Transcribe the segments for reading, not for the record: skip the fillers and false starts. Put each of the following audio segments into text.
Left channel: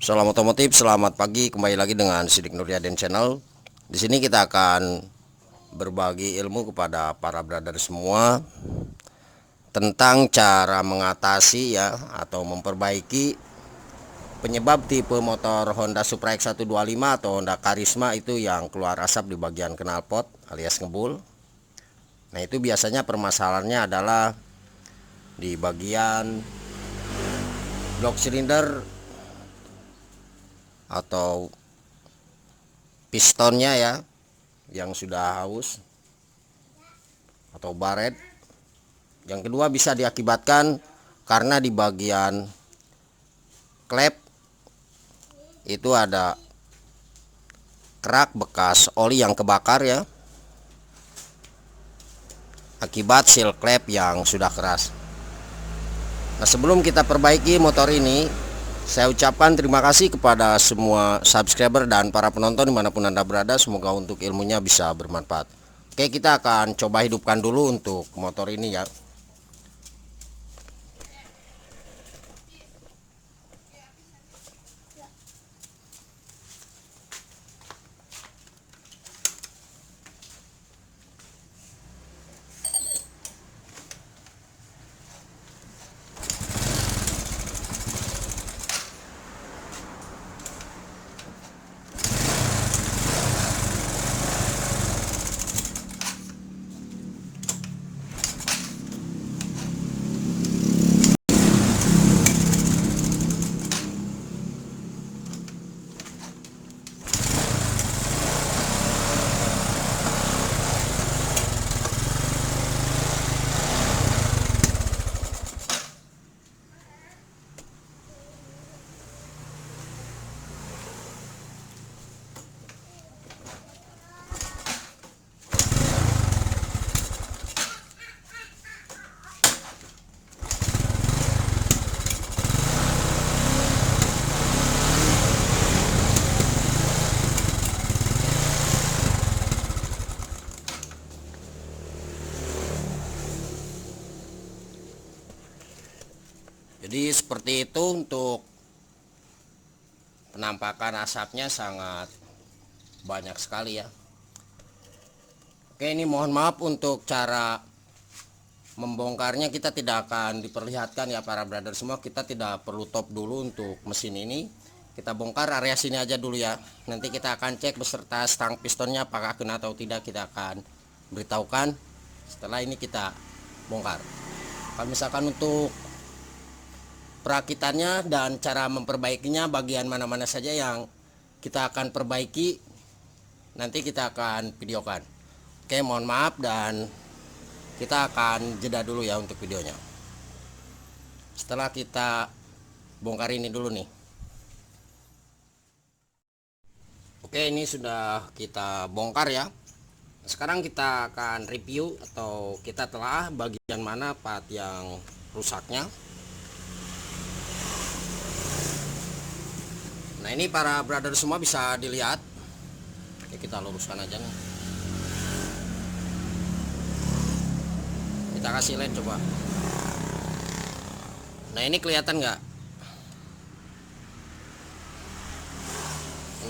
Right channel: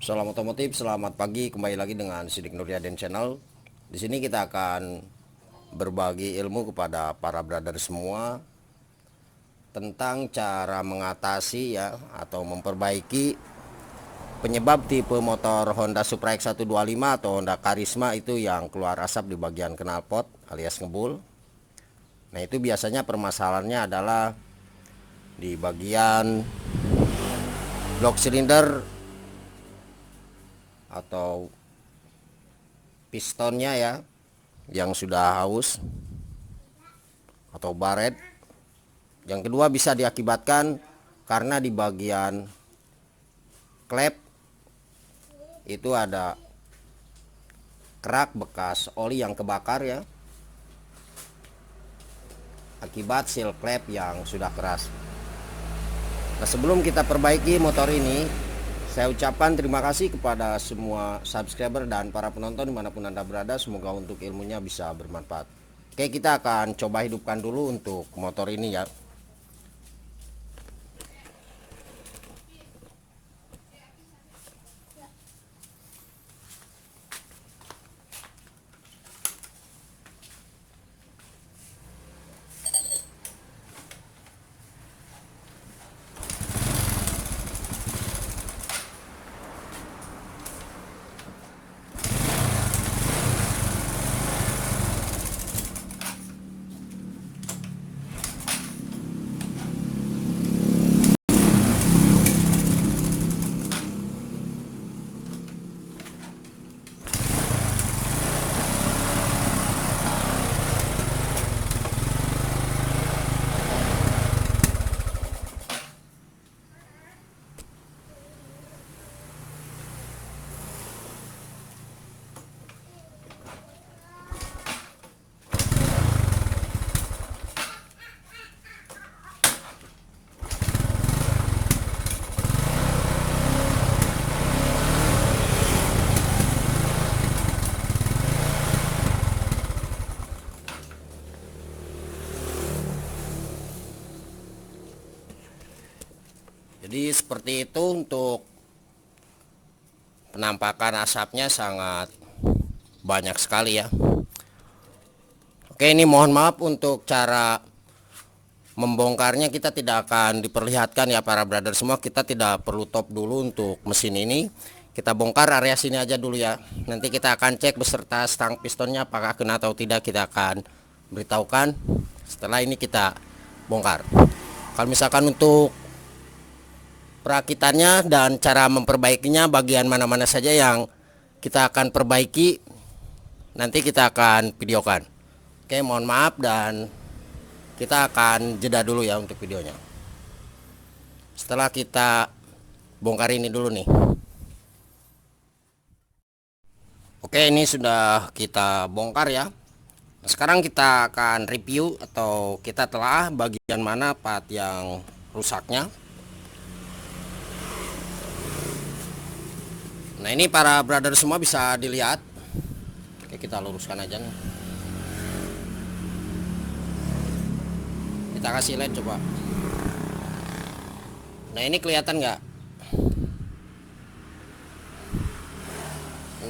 Salam otomotif, selamat pagi. Kembali lagi dengan Sidik Nuryaden Channel. Di sini kita akan berbagi ilmu kepada para brother semua tentang cara mengatasi ya atau memperbaiki penyebab tipe motor Honda Supra X125 atau Honda Karisma itu yang keluar asap di bagian knalpot alias ngebul. Nah, itu biasanya permasalahannya adalah di bagian blok silinder atau pistonnya ya yang sudah haus atau baret. Yang kedua bisa diakibatkan karena di bagian klep itu ada kerak bekas oli yang kebakar ya, akibat seal klep yang sudah keras. Nah, sebelum kita perbaiki motor ini, saya ucapkan terima kasih kepada semua subscriber dan para penonton dimanapun Anda berada. Semoga untuk ilmunya bisa bermanfaat. Oke, kita akan coba hidupkan dulu untuk motor ini ya. Jadi seperti itu untuk penampakan asapnya sangat banyak sekali ya. Oke, ini mohon maaf untuk cara membongkarnya kita tidak akan diperlihatkan ya para brother semua. Kita tidak perlu top dulu untuk mesin ini. Kita bongkar area sini aja dulu ya. Nanti kita akan cek beserta stang pistonnya apakah kena atau tidak, kita akan beritahukan setelah ini kita bongkar. Kalau misalkan untuk perakitannya dan cara memperbaikinya, bagian mana-mana saja yang kita akan perbaiki, nanti kita akan videokan. Oke, mohon maaf dan kita akan jeda dulu ya untuk videonya. Setelah kita bongkar ini dulu nih. Oke, ini sudah kita bongkar ya. Sekarang kita akan review atau kita telah bagian mana part yang rusaknya. Nah, ini para brother semua bisa dilihat. Oke, kita luruskan aja nih. Kita kasih lihat coba. Nah, ini kelihatan nggak?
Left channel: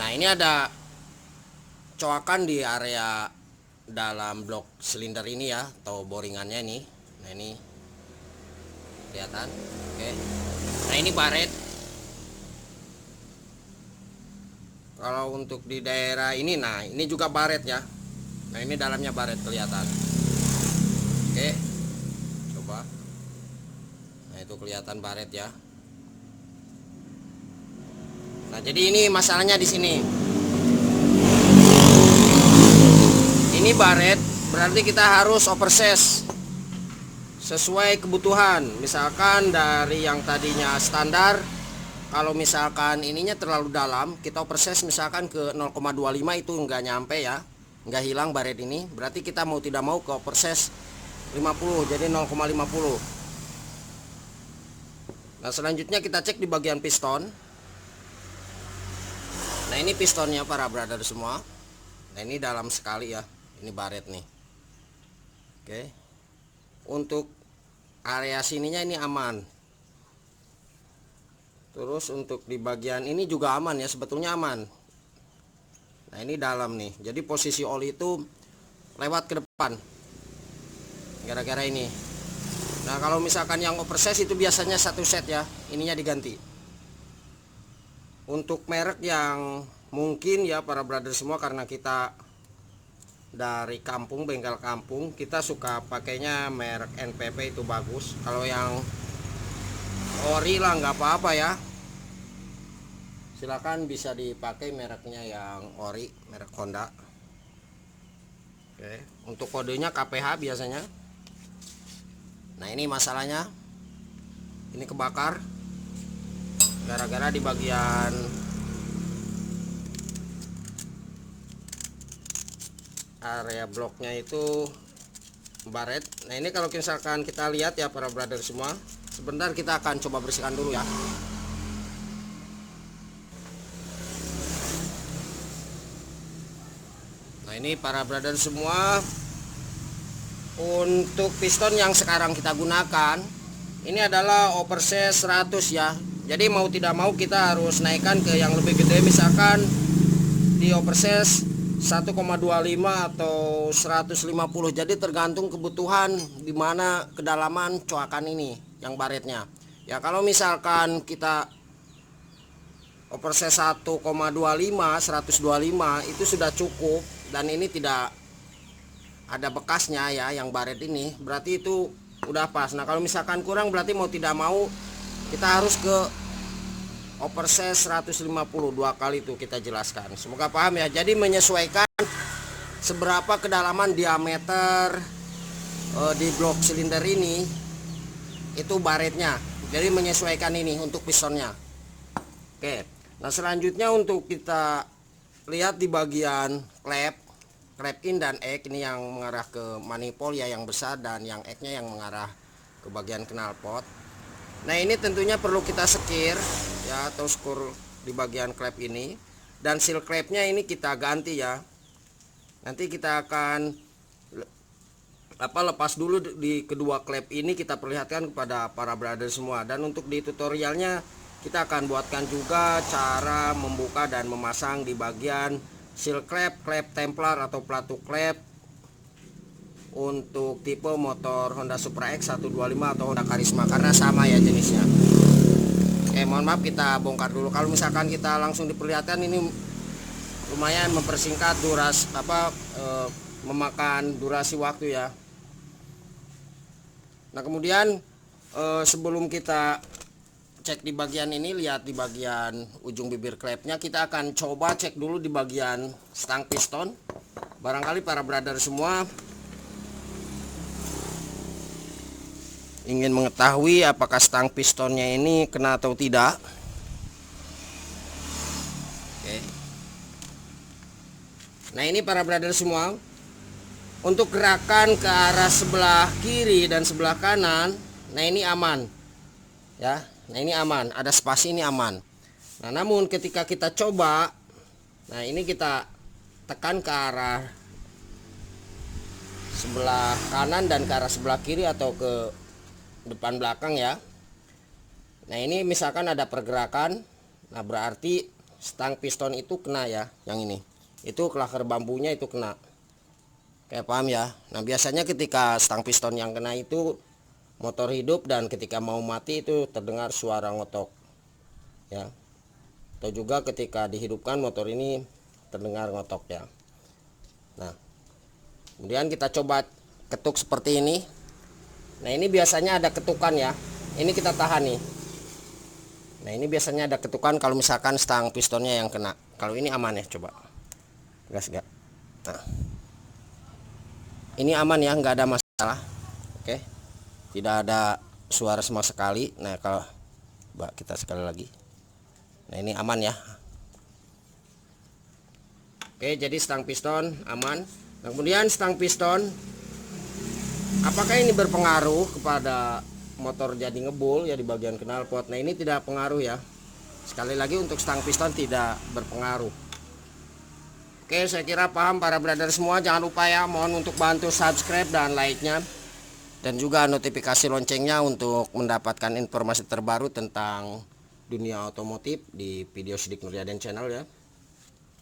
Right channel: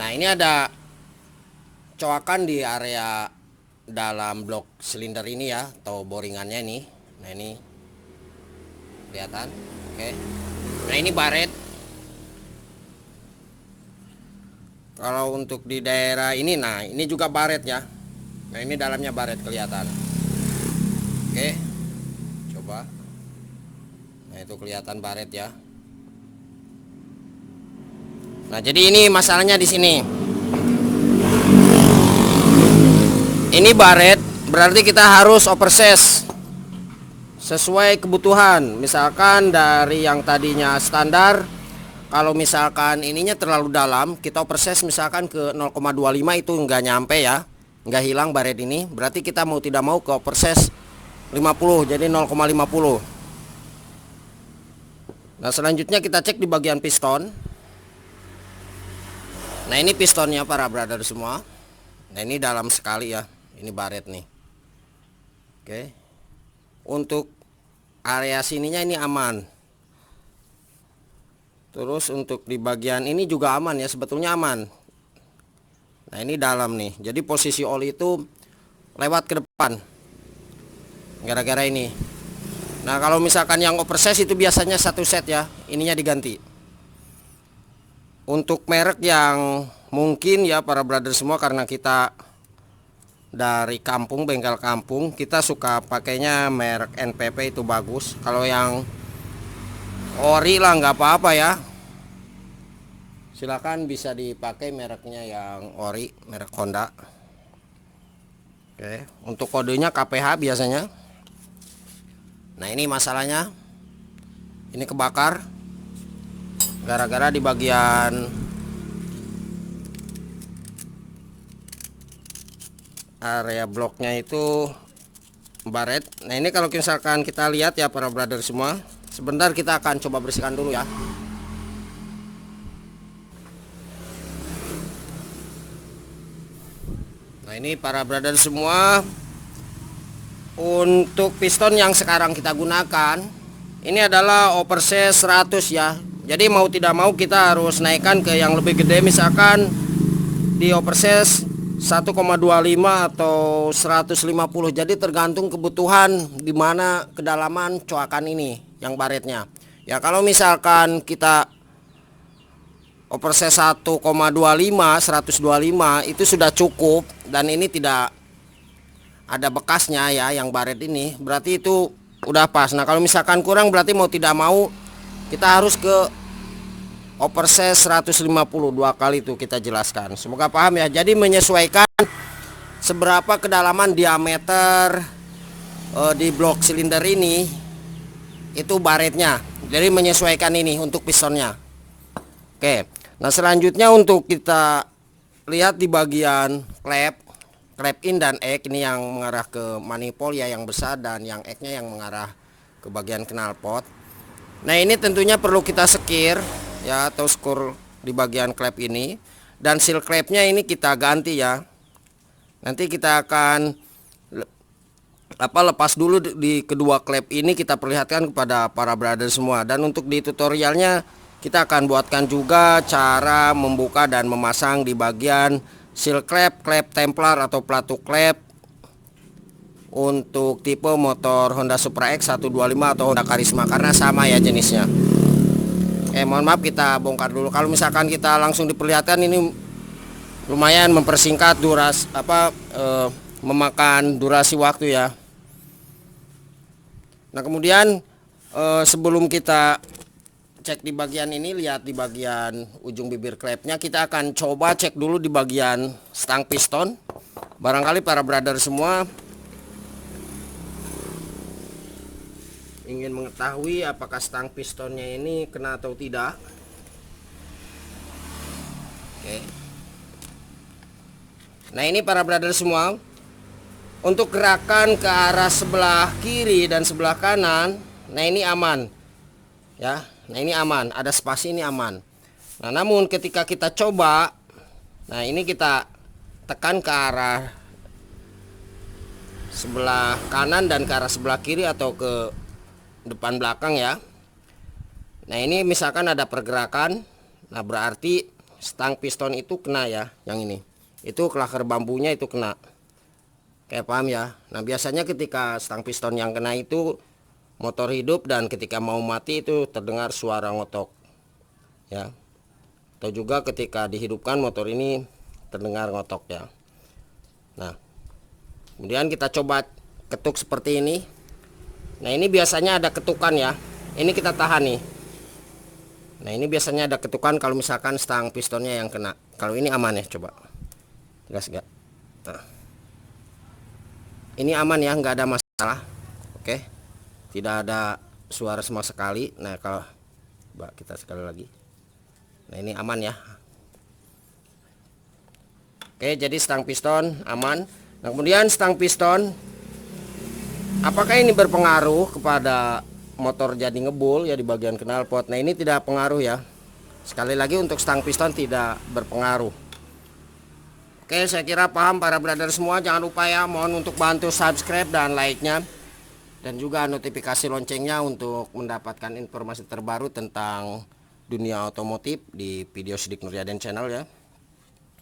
Nah, ini ada coakan di area dalam blok silinder ini ya, atau boringannya ini. Nah, ini kelihatan. Oke. Nah, ini baret. Kalau untuk di daerah ini, nah ini juga baret ya. Nah, ini dalamnya baret kelihatan. Oke, coba. Nah, itu kelihatan baret ya. Nah, jadi ini masalahnya di sini. Ini baret, berarti kita harus oversize sesuai kebutuhan. Misalkan dari yang tadinya standar, kalau misalkan ininya terlalu dalam, kita oversize misalkan ke 0,25, itu nggak nyampe ya, nggak hilang baret ini. Berarti kita mau tidak mau ke oversize 50, jadi 0,50. Nah, selanjutnya kita cek di bagian piston. Nah, ini pistonnya para brother semua. Nah, ini dalam sekali ya, ini baret nih. Oke, untuk area sininya ini aman. Terus untuk di bagian ini juga aman ya, sebetulnya aman. Nah ini dalam nih, jadi posisi oli itu lewat ke depan gara-gara ini. Nah kalau misalkan yang oversize itu biasanya satu set ya, ininya diganti. Untuk merek yang mungkin ya para brother semua, karena kita dari kampung, bengkel kampung, kita suka pakainya merek NPP itu bagus. Kalau yang ori lah nggak apa-apa ya, silakan bisa dipakai mereknya yang ori, merek Honda. Oke, untuk kodenya KPH biasanya. Nah ini masalahnya, ini kebakar gara-gara di bagian area bloknya itu baret. Nah ini kalau misalkan kita lihat ya para brother semua, sebentar kita akan coba bersihkan dulu ya. Nah ini para brother semua, untuk piston yang sekarang kita gunakan ini adalah oversize 100 ya. Jadi mau tidak mau kita harus naikkan ke yang lebih gede, misalkan di oversize 1,25 atau 150. Jadi tergantung kebutuhan di mana kedalaman coakan ini yang baretnya. Ya kalau misalkan kita oversize 1,25 125 itu sudah cukup dan ini tidak ada bekasnya ya yang baret ini, berarti itu udah pas. Nah kalau misalkan kurang berarti mau tidak mau kita harus ke oversize 150 dua kali itu kita jelaskan. Semoga paham ya. Jadi menyesuaikan seberapa kedalaman diameter di blok silinder ini itu baretnya. Jadi menyesuaikan ini untuk pistonnya. Oke. Nah selanjutnya untuk kita lihat di bagian klep in dan ek, ini yang mengarah ke manifold ya yang besar, dan yang eknya yang mengarah ke bagian knalpot. Nah ini tentunya perlu kita sekir ya, atau skor di bagian klep ini, dan seal klepnya ini kita ganti ya. Nanti kita akan lepas dulu di kedua klep ini, kita perlihatkan kepada para brother semua. Dan untuk di tutorialnya kita akan buatkan juga cara membuka dan memasang di bagian seal klep, klep templar atau platu klep untuk tipe motor Honda Supra X 125 atau Honda Karisma, karena sama ya jenisnya. Mohon maaf kita bongkar dulu. Kalau misalkan kita langsung diperlihatkan ini lumayan mempersingkat durasi memakan durasi waktu ya. Nah kemudian sebelum kita cek di bagian ini, lihat di bagian ujung bibir klepnya, kita akan coba cek dulu di bagian stang piston. Barangkali para brother semua ingin mengetahui apakah stang pistonnya ini kena atau tidak. Oke. Nah ini para brother semua, untuk gerakan ke arah sebelah kiri dan sebelah kanan, nah ini aman ya. Nah ini aman, ada spasi, ini aman. Nah namun ketika kita coba, nah ini kita tekan ke arah sebelah kanan dan ke arah sebelah kiri atau ke depan belakang ya. Nah ini misalkan ada pergerakan, nah berarti stang piston itu kena ya, yang ini itu klaker bambunya itu kena. Kayak paham ya. Nah biasanya ketika stang piston yang kena itu motor hidup, dan ketika mau mati itu terdengar suara ngotok ya, atau juga ketika dihidupkan motor ini terdengar ngotok ya. Nah kemudian kita coba ketuk seperti ini. Nah ini biasanya ada ketukan ya, ini kita tahan nih. Nah ini biasanya ada ketukan kalau misalkan stang pistonnya yang kena. Kalau ini aman ya, coba gas gak. Nah ini aman ya, nggak ada masalah. Oke, tidak ada suara sama sekali. Nah kalau coba kita sekali lagi, nah ini aman ya. Oke, jadi stang piston aman. Nah kemudian stang piston, apakah ini berpengaruh kepada motor jadi ngebul ya di bagian knalpot? Nah ini tidak pengaruh ya. Sekali lagi untuk stang piston tidak berpengaruh. Oke, saya kira paham para brother semua. Jangan lupa ya, mohon untuk bantu subscribe dan like-nya, dan juga notifikasi loncengnya untuk mendapatkan informasi terbaru tentang dunia otomotif di video Sidik Nuryaden channel ya.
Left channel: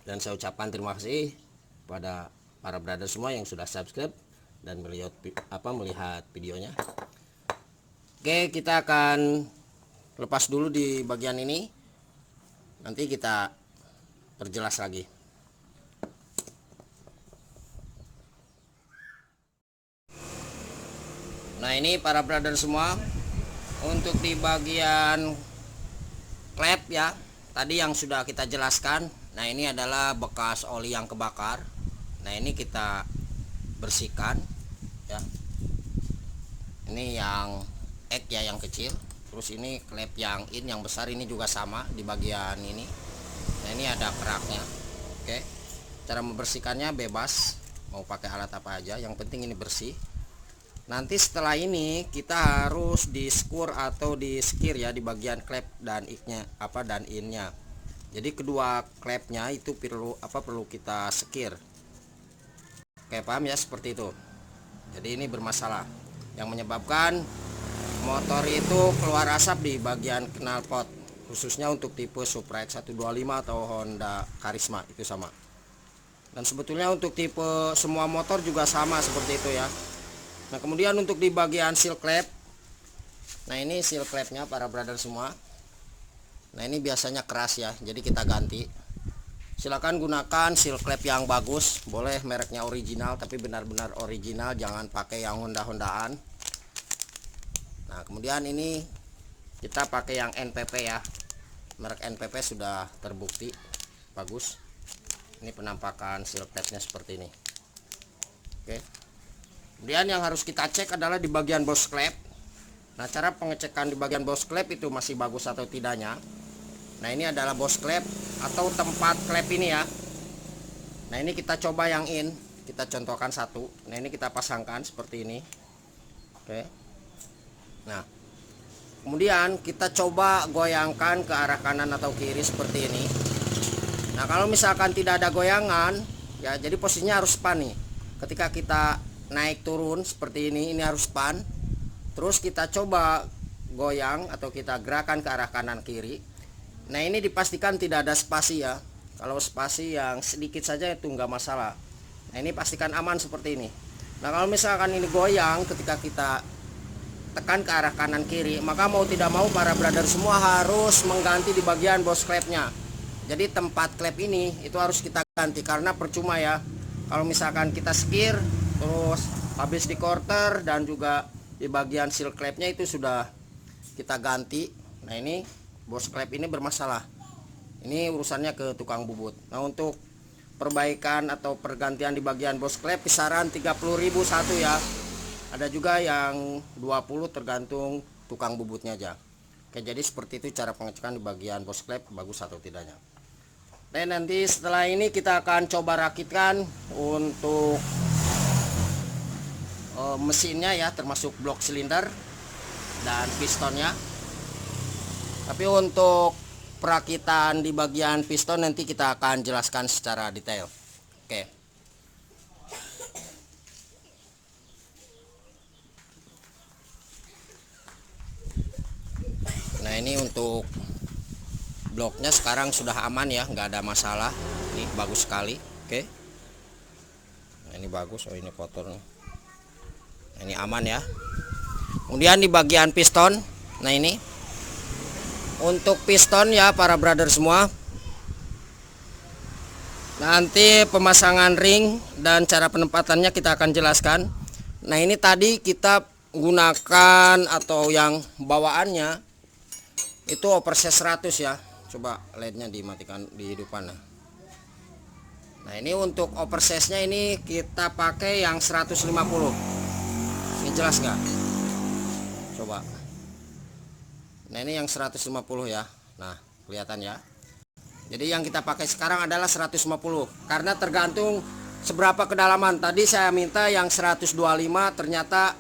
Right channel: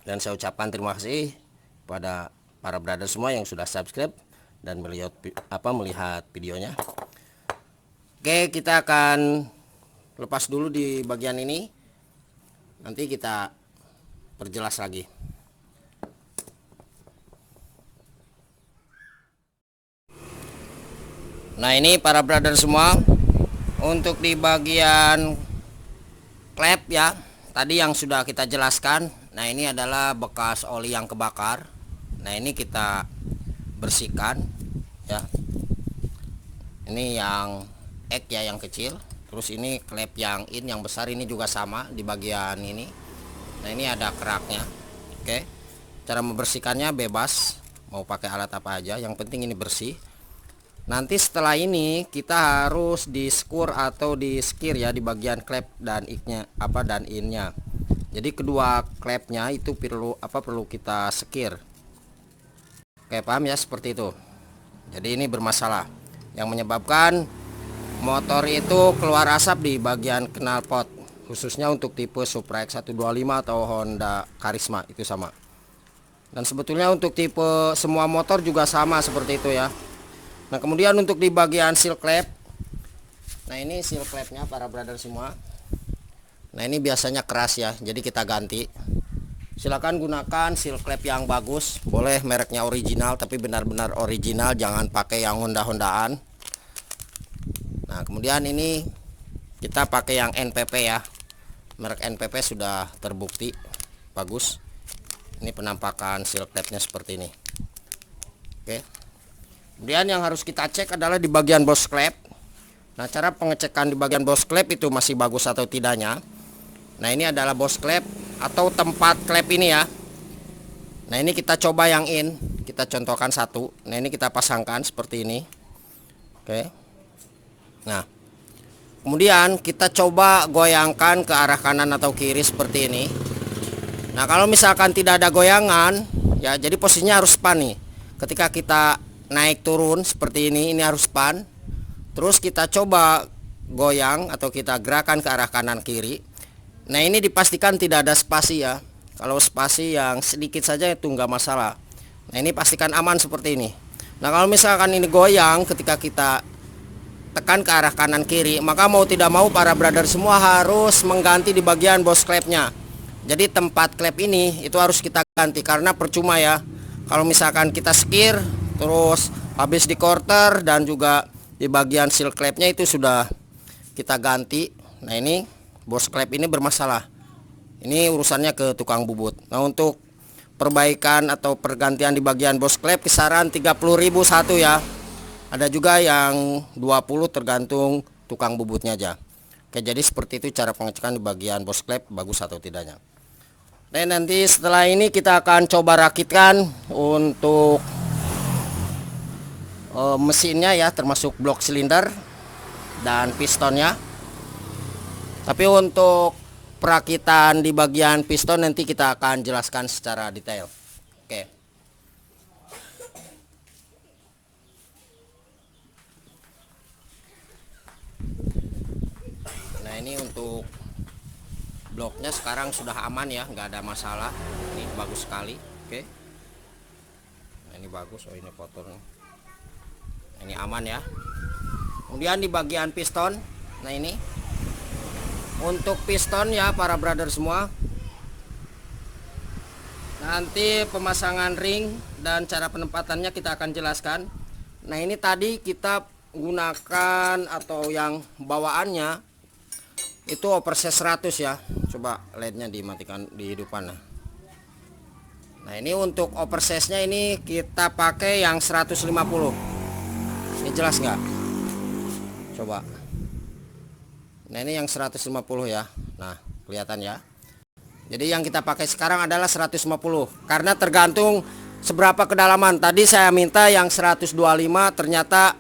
Dan saya ucapkan terima kasih pada para brother semua yang sudah subscribe dan melihat videonya. Oke, kita akan lepas dulu di bagian ini. Nanti kita perjelas lagi. Nah, ini para brother semua, untuk di bagian klep ya, tadi yang sudah kita jelaskan. Nah, ini adalah bekas oli yang kebakar. Nah, ini kita bersihkan ya. Ini yang ek ya, yang kecil. Terus ini klep yang in, yang besar ini juga sama di bagian ini. Nah, ini ada keraknya. Oke, cara membersihkannya bebas, mau pakai alat apa aja, yang penting ini bersih. Nanti setelah ini kita harus di skur atau di skir ya, di bagian klep dan iknya dan innya. Jadi kedua klepnya itu perlu kita skir. Oke, paham ya, seperti itu. Jadi ini bermasalah yang menyebabkan motor itu keluar asap di bagian knalpot, khususnya untuk tipe Supra X125 atau Honda Karisma itu sama. Dan sebetulnya untuk tipe semua motor juga sama seperti itu ya. Nah, kemudian untuk di bagian seal klep, nah ini seal klepnya para brother semua. Nah, ini biasanya keras ya, jadi kita ganti. Silakan gunakan seal klep yang bagus, boleh mereknya original, tapi benar-benar original, jangan pakai yang Honda-Hondaan. Nah, kemudian ini kita pakai yang NPP ya, merek NPP sudah terbukti bagus. Ini penampakan seal klepnya seperti ini. Oke. Kemudian yang harus kita cek adalah di bagian bos klep. Nah, cara pengecekan di bagian bos klep itu masih bagus atau tidaknya. Nah, ini adalah bos klep atau tempat klep ini ya. Nah, ini kita coba yang in, kita contohkan satu. Nah, ini kita pasangkan seperti ini. Oke. Nah, kemudian kita coba goyangkan ke arah kanan atau kiri seperti ini. Nah, kalau misalkan tidak ada goyangan ya, jadi posisinya harus span nih. Ketika kita naik turun seperti ini harus span. Terus kita coba goyang atau kita gerakan ke arah kanan kiri. Nah, ini dipastikan tidak ada spasi ya. Kalau spasi yang sedikit saja itu enggak masalah. Nah, ini pastikan aman seperti ini. Nah, kalau misalkan ini goyang ketika kita tekan ke arah kanan kiri, maka mau tidak mau para brother semua harus mengganti di bagian bos klepnya. Jadi tempat klep ini itu harus kita ganti, karena percuma ya kalau misalkan kita skir terus habis di quarter dan juga di bagian seal klepnya itu sudah kita ganti. Nah, ini bos klep ini bermasalah. Ini urusannya ke tukang bubut. Nah, untuk perbaikan atau pergantian di bagian bos klep kisaran 30.000 satu ya. Ada juga yang 20, tergantung tukang bubutnya aja. Oke, jadi seperti itu cara pengecekan di bagian bos klep bagus atau tidaknya. Dan nanti setelah ini kita akan coba rakitkan untuk mesinnya ya, termasuk blok silinder dan pistonnya. Tapi untuk perakitan di bagian piston nanti kita akan jelaskan secara detail. Oke. Nah, ini untuk bloknya sekarang sudah aman ya, nggak ada masalah. Ini bagus sekali. Oke. Nah, ini bagus. Oh, ini kotor nih. Ini aman ya. Kemudian di bagian piston, nah ini untuk piston ya para brother semua, nanti pemasangan ring dan cara penempatannya kita akan jelaskan. Nah, ini tadi kita gunakan atau yang bawaannya itu overset 100 ya. Coba LED-nya dimatikan, dihidupkan. Nah, ini untuk oversetnya ini kita pakai yang 150. Ini jelas nggak? Coba. Nah, ini yang 150 ya. Nah, kelihatan ya. Jadi yang kita pakai sekarang adalah 150, karena tergantung seberapa kedalaman. Tadi saya minta yang 125, ternyata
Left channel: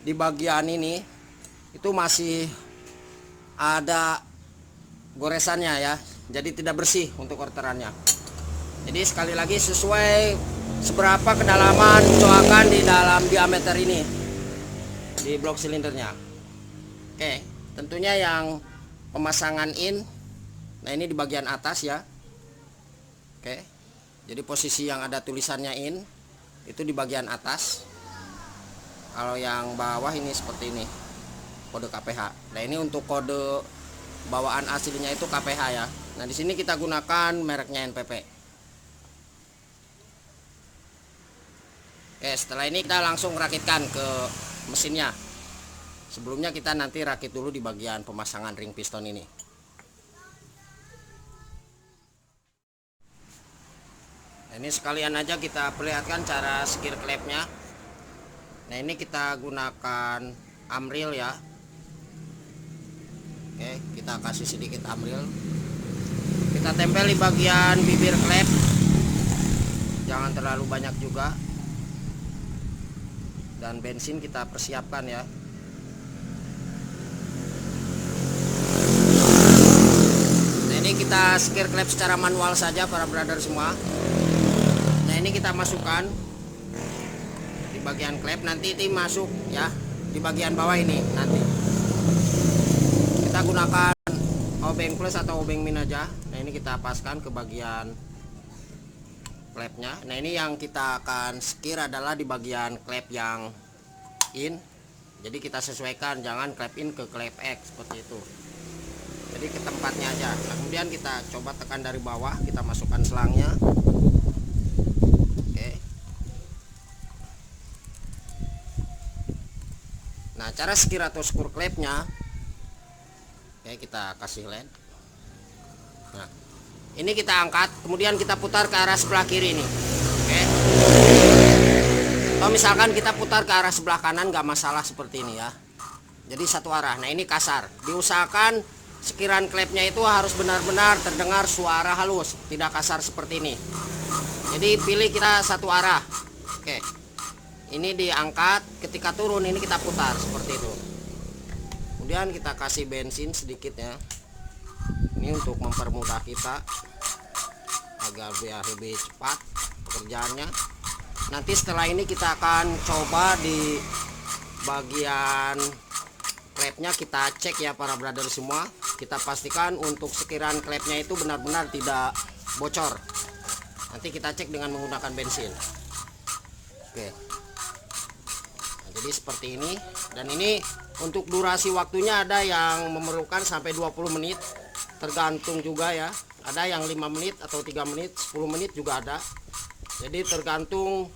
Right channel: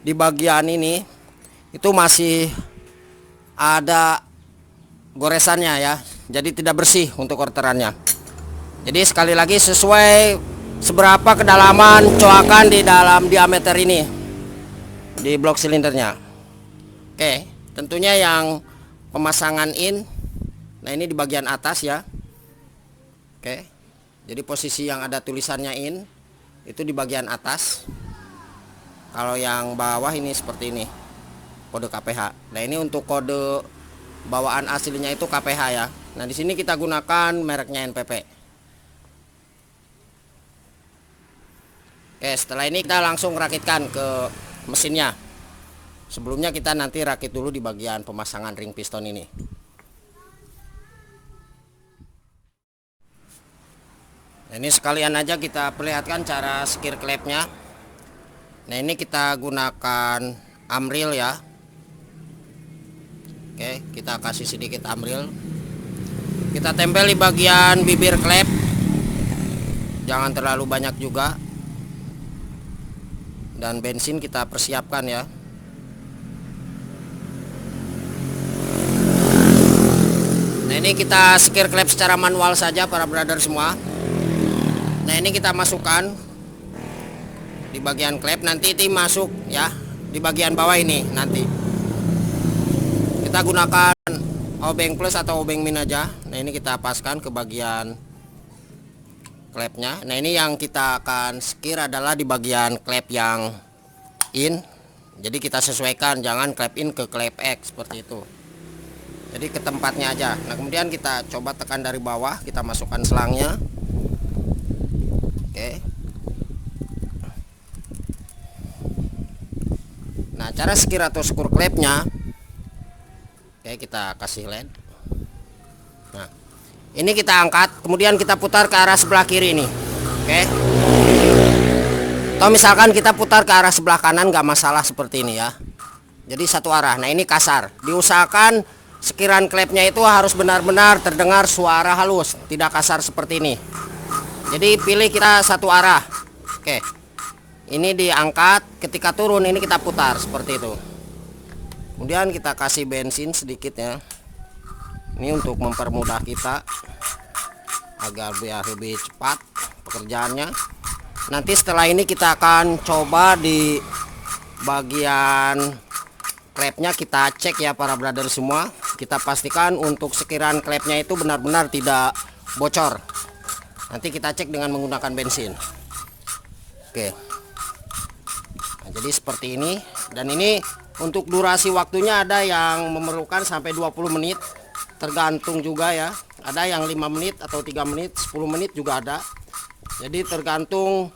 di bagian ini itu masih ada goresannya ya. Jadi tidak bersih untuk orderannya. Jadi sekali lagi sesuai seberapa kedalaman coakan di dalam diameter ini di blok silindernya. Oke, tentunya yang pemasangan in. Nah ini di bagian atas ya. Oke, jadi posisi yang ada tulisannya in itu di bagian atas. Kalau yang bawah ini seperti ini, kode KPH. Nah ini untuk kode bawaan aslinya itu KPH ya. Nah di sini kita gunakan mereknya NPP. Oke, setelah ini kita langsung rakitkan ke mesinnya. Sebelumnya kita nanti rakit dulu di bagian pemasangan ring piston ini. Nah, ini sekalian aja kita perlihatkan cara skir klepnya. Nah ini kita gunakan amril ya. Oke, kita kasih sedikit amril. Kita tempel di bagian bibir klep. Jangan terlalu banyak juga. Dan bensin kita persiapkan ya. Nah ini kita skir klep secara manual saja para brother semua. Nah ini kita masukkan di bagian klep, nanti itu masuk ya di bagian bawah ini. Nanti kita gunakan obeng plus atau obeng min aja. Nah ini kita paskan ke bagian klepnya. Nah ini yang kita akan skir adalah di bagian klep yang in. Jadi kita sesuaikan, jangan klep in ke klep X seperti itu. Jadi ke tempatnya aja. Nah kemudian kita coba tekan dari bawah, kita masukkan selangnya. Oke. Nah cara skir atau skur klepnya, oke kita kasih led. Nah ini kita angkat, kemudian kita putar ke arah sebelah kiri ini. Oke. Atau misalkan kita putar ke arah sebelah kanan, nggak masalah seperti ini ya. Jadi satu arah. Nah ini kasar. Diusahakan sekiran klepnya itu harus benar-benar terdengar suara halus, tidak kasar seperti ini. Jadi pilih kita satu arah. Oke. Ini diangkat, ketika turun ini kita putar seperti itu. Kemudian kita kasih bensin sedikit ya. Ini untuk mempermudah kita agar biar lebih cepat pekerjaannya. Nanti setelah ini kita akan coba di bagian klepnya kita cek ya para brother semua. Kita pastikan untuk sekiran klepnya itu benar-benar tidak bocor. Nanti kita cek dengan menggunakan bensin. Oke. Nah, jadi seperti ini. Dan ini untuk durasi waktunya ada yang memerlukan sampai 20 menit. Tergantung juga ya. Ada yang 5 menit atau 3 menit, 10 menit juga ada. Jadi tergantung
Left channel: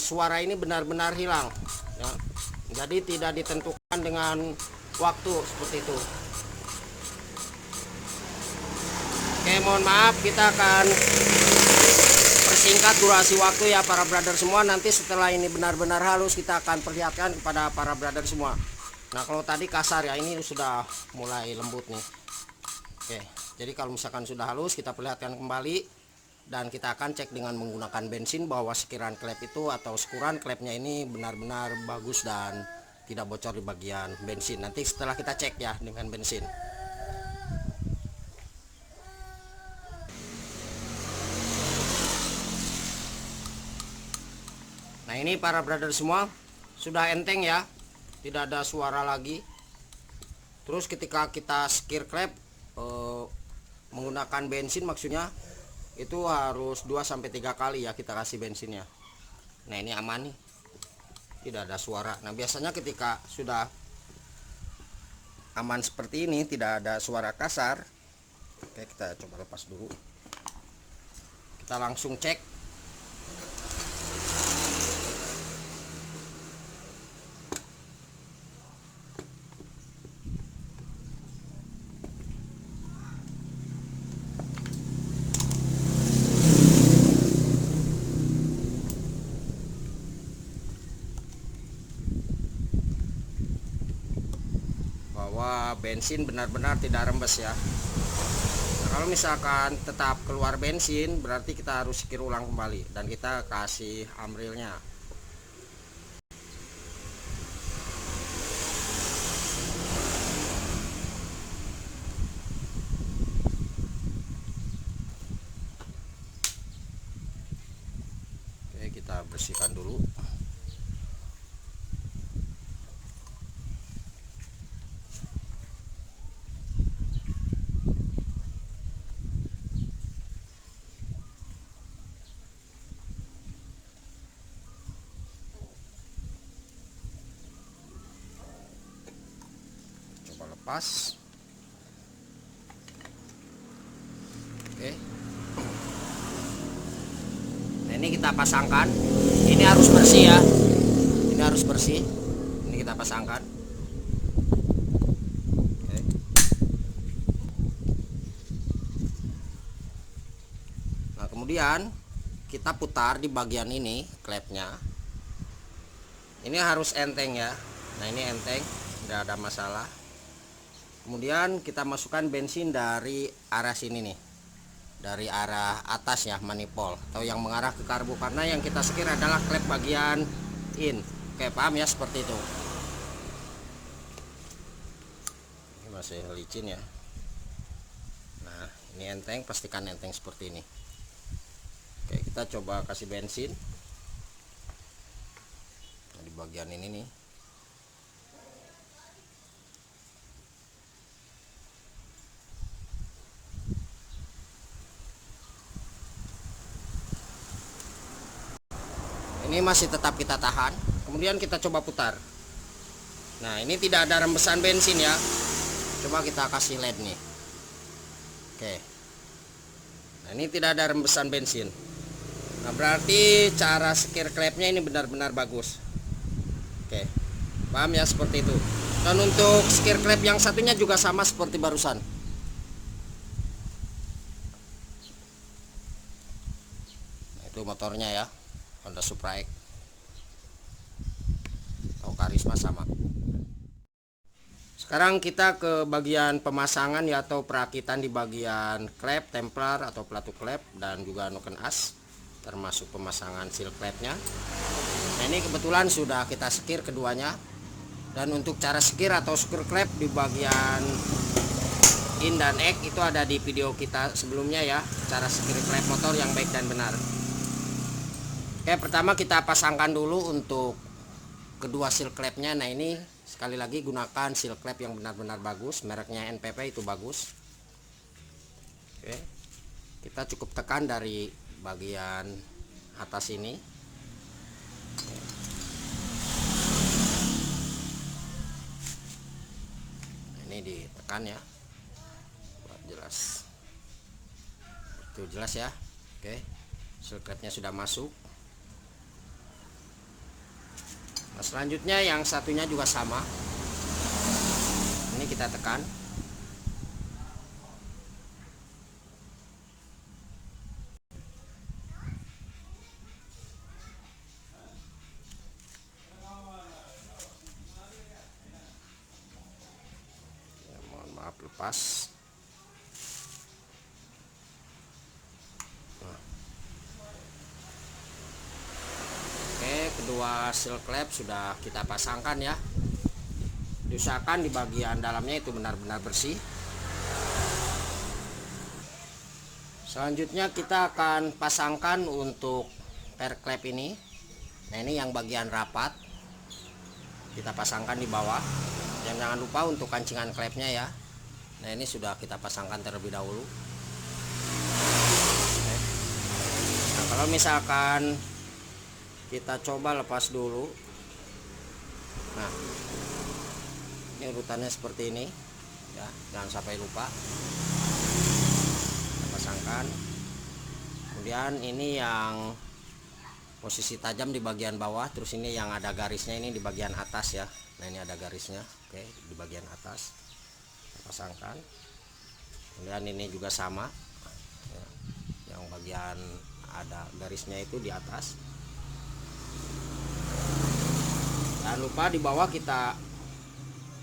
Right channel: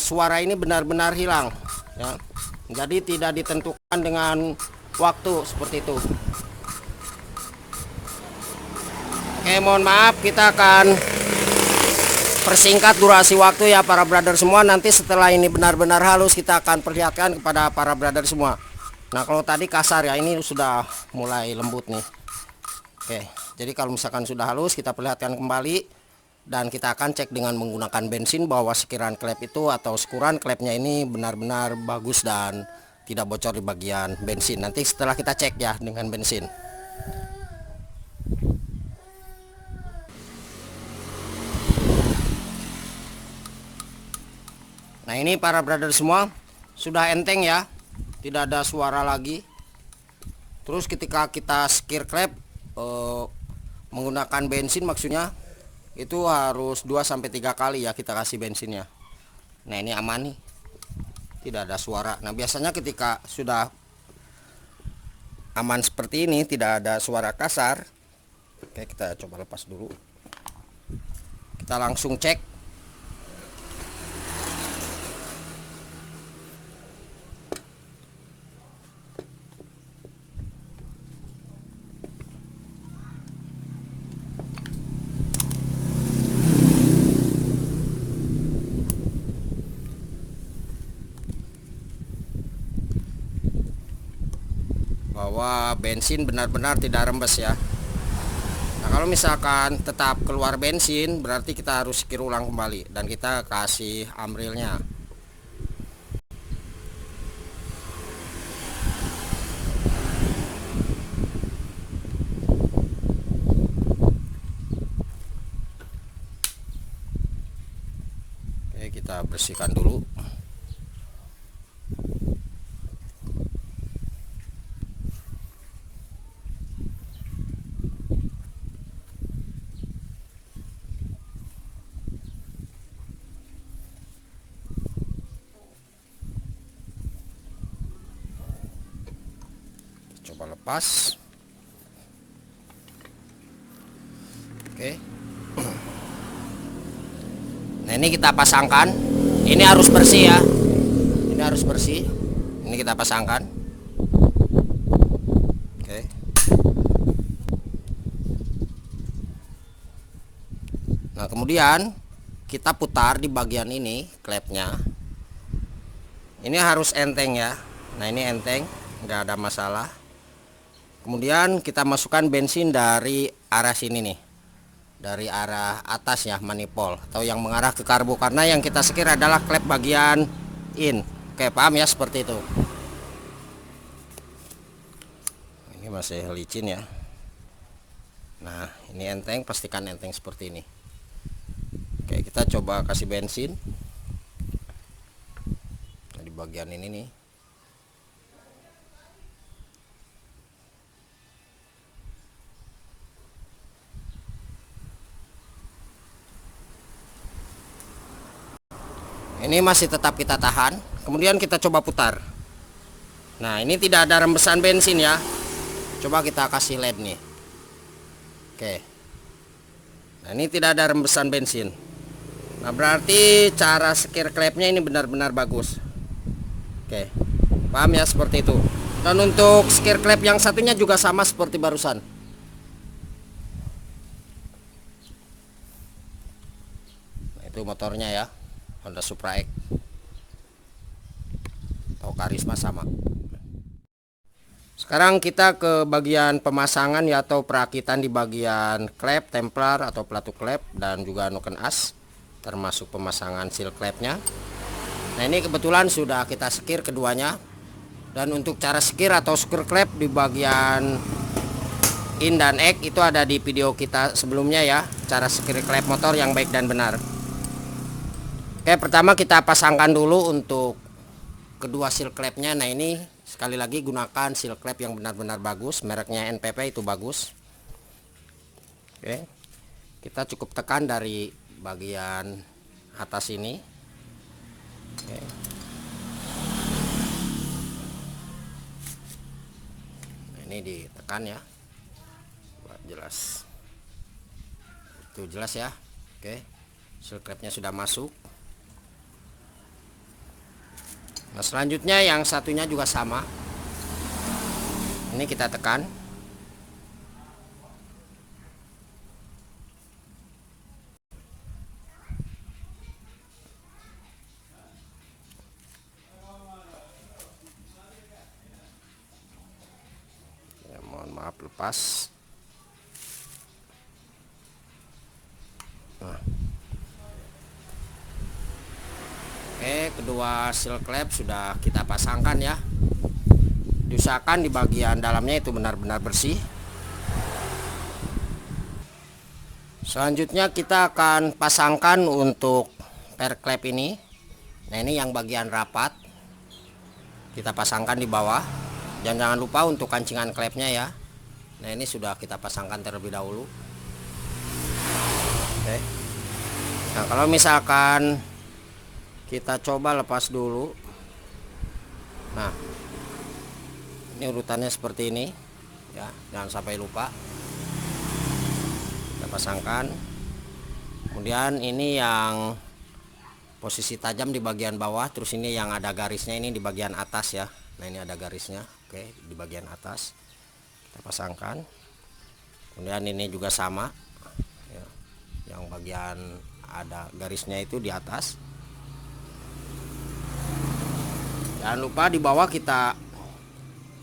suara ini benar-benar hilang ya. Jadi tidak ditentukan dengan waktu seperti itu. Oke, mohon maaf, kita akan persingkat durasi waktu ya para brother semua. Nanti setelah ini benar-benar halus kita akan perlihatkan kepada para brother semua. Nah kalau tadi kasar ya, ini sudah mulai lembut nih. Oke, jadi kalau misalkan sudah halus kita perlihatkan kembali. Dan kita akan cek dengan menggunakan bensin bahwa sekiran klep itu atau skuran klepnya ini benar-benar bagus dan tidak bocor di bagian bensin. Nanti setelah kita cek ya dengan bensin. Nah ini para brother semua sudah enteng ya, tidak ada suara lagi. Terus ketika kita skir klep menggunakan bensin maksudnya itu harus 2-3 kali ya kita kasih bensinnya. Nah ini aman nih, tidak ada suara. Nah biasanya ketika sudah aman seperti ini, tidak ada suara kasar. Oke, kita coba lepas dulu. Kita langsung cek. Bahwa bensin benar-benar tidak rembes ya. Nah kalau misalkan tetap keluar bensin berarti kita harus skir ulang kembali dan kita kasih amrilnya. Oke, kita bersihkan dulu. coba lepas. Oke. Nah, ini kita pasangkan. Ini harus bersih ya. Ini harus bersih. Ini kita pasangkan. Oke. Nah, kemudian kita putar di bagian ini klepnya. Ini harus enteng ya. Nah, ini enteng, nggak ada masalah. Kemudian kita masukkan bensin dari arah sini nih, dari arah atas ya, manifold atau yang mengarah ke karbo, karena yang kita sekir adalah klep bagian in. Oke, paham ya, seperti itu. Ini masih licin ya. Nah, ini enteng, pastikan enteng seperti ini. Oke, kita coba kasih bensin. Nah, di bagian ini nih. Ini masih tetap kita tahan. Kemudian kita coba putar. Nah, ini tidak ada rembesan bensin ya. Coba kita kasih LED nih. Oke. Nah, ini tidak ada rembesan bensin. Nah, berarti cara sekir klepnya ini benar-benar bagus. Oke. Paham ya, seperti itu. Dan untuk sekir klep yang satunya juga sama seperti barusan. Nah, itu motornya ya. Honda Supra X atau Karisma sama. Sekarang kita ke bagian pemasangan ya, atau perakitan di bagian klep, templar atau pelatu klep, dan juga noken as, termasuk pemasangan seal klepnya. Nah, ini kebetulan sudah kita sekir keduanya. Dan untuk cara sekir atau skru klep di bagian in dan X itu ada di video kita sebelumnya ya, cara sekir klep motor yang baik dan benar. Oke, pertama kita pasangkan dulu untuk kedua seal klepnya. Nah, ini sekali lagi gunakan seal klep yang benar-benar bagus, mereknya NPP itu bagus. Oke, kita cukup tekan dari bagian atas ini. Oke. Ini ditekan ya, buat jelas. Itu jelas ya. Oke, seal klepnya sudah masuk. Nah, selanjutnya yang satunya juga sama. Ini kita tekan. Ya, mohon maaf, lepas. Nah. Oke, kedua seal klep sudah kita pasangkan ya. Diusahakan di bagian dalamnya itu benar-benar bersih. Selanjutnya kita akan pasangkan untuk per klep ini. Nah, ini yang bagian rapat kita pasangkan di bawah. Dan jangan lupa untuk kancingan klepnya ya. Nah, ini sudah kita pasangkan terlebih dahulu. Oke. Nah, kalau misalkan kita coba lepas dulu. Nah, ini urutannya seperti ini ya, jangan sampai lupa. Kita pasangkan. Kemudian ini yang posisi tajam di bagian bawah, terus ini yang ada garisnya ini di bagian atas ya. Nah, ini ada garisnya. Oke, di bagian atas kita pasangkan. Kemudian ini juga sama ya, yang bagian ada garisnya itu di atas. Jangan lupa di bawah kita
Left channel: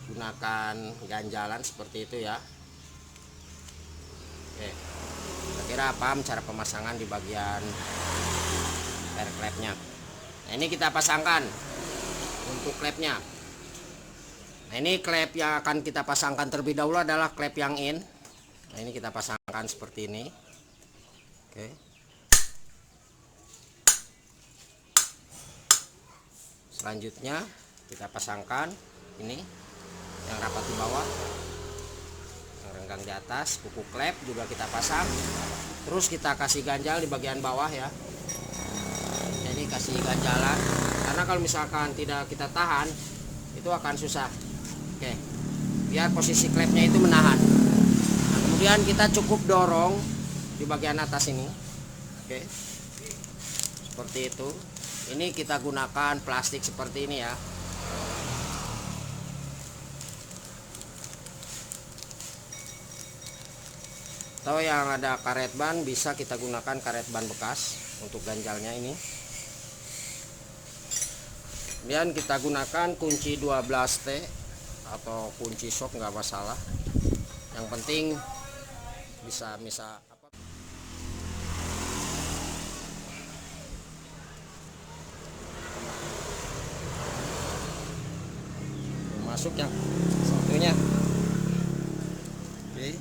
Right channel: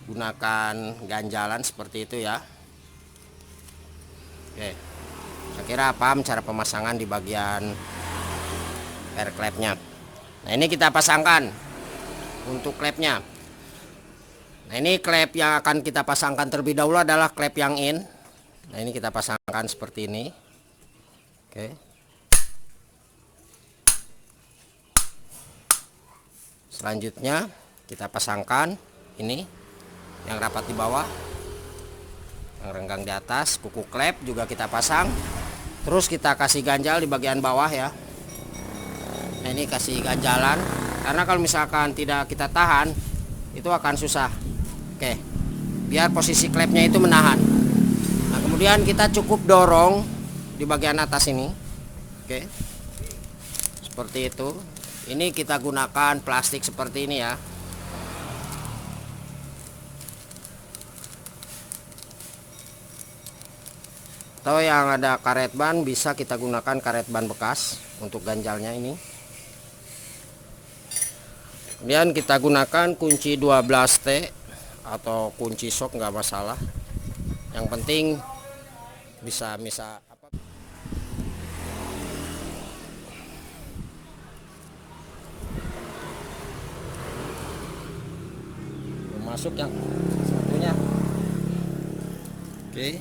gunakan ganjalan seperti itu ya. Oke, saya kira paham cara pemasangan di bagian air klepnya. Nah, ini kita pasangkan untuk klepnya. Nah, ini klep yang akan kita pasangkan terlebih dahulu adalah klep yang in. Nah, ini kita pasangkan seperti ini. Oke. Selanjutnya kita pasangkan ini yang rapat di bawah, yang renggang di atas. Kuku klep juga kita pasang. Terus kita kasih ganjal di bagian bawah ya. Nah, ini kasih ganjalan, karena kalau misalkan tidak kita tahan itu akan susah. Oke, biar posisi klepnya itu menahan. Nah, kemudian kita cukup dorong di bagian atas ini. Oke, seperti itu. Ini kita gunakan plastik seperti ini ya. Atau yang ada karet ban, bisa kita gunakan karet ban bekas untuk ganjalnya ini. Kemudian kita gunakan kunci 12T atau kunci shock, nggak masalah. Yang penting bisa apa. Masuk yang satunya. Oke.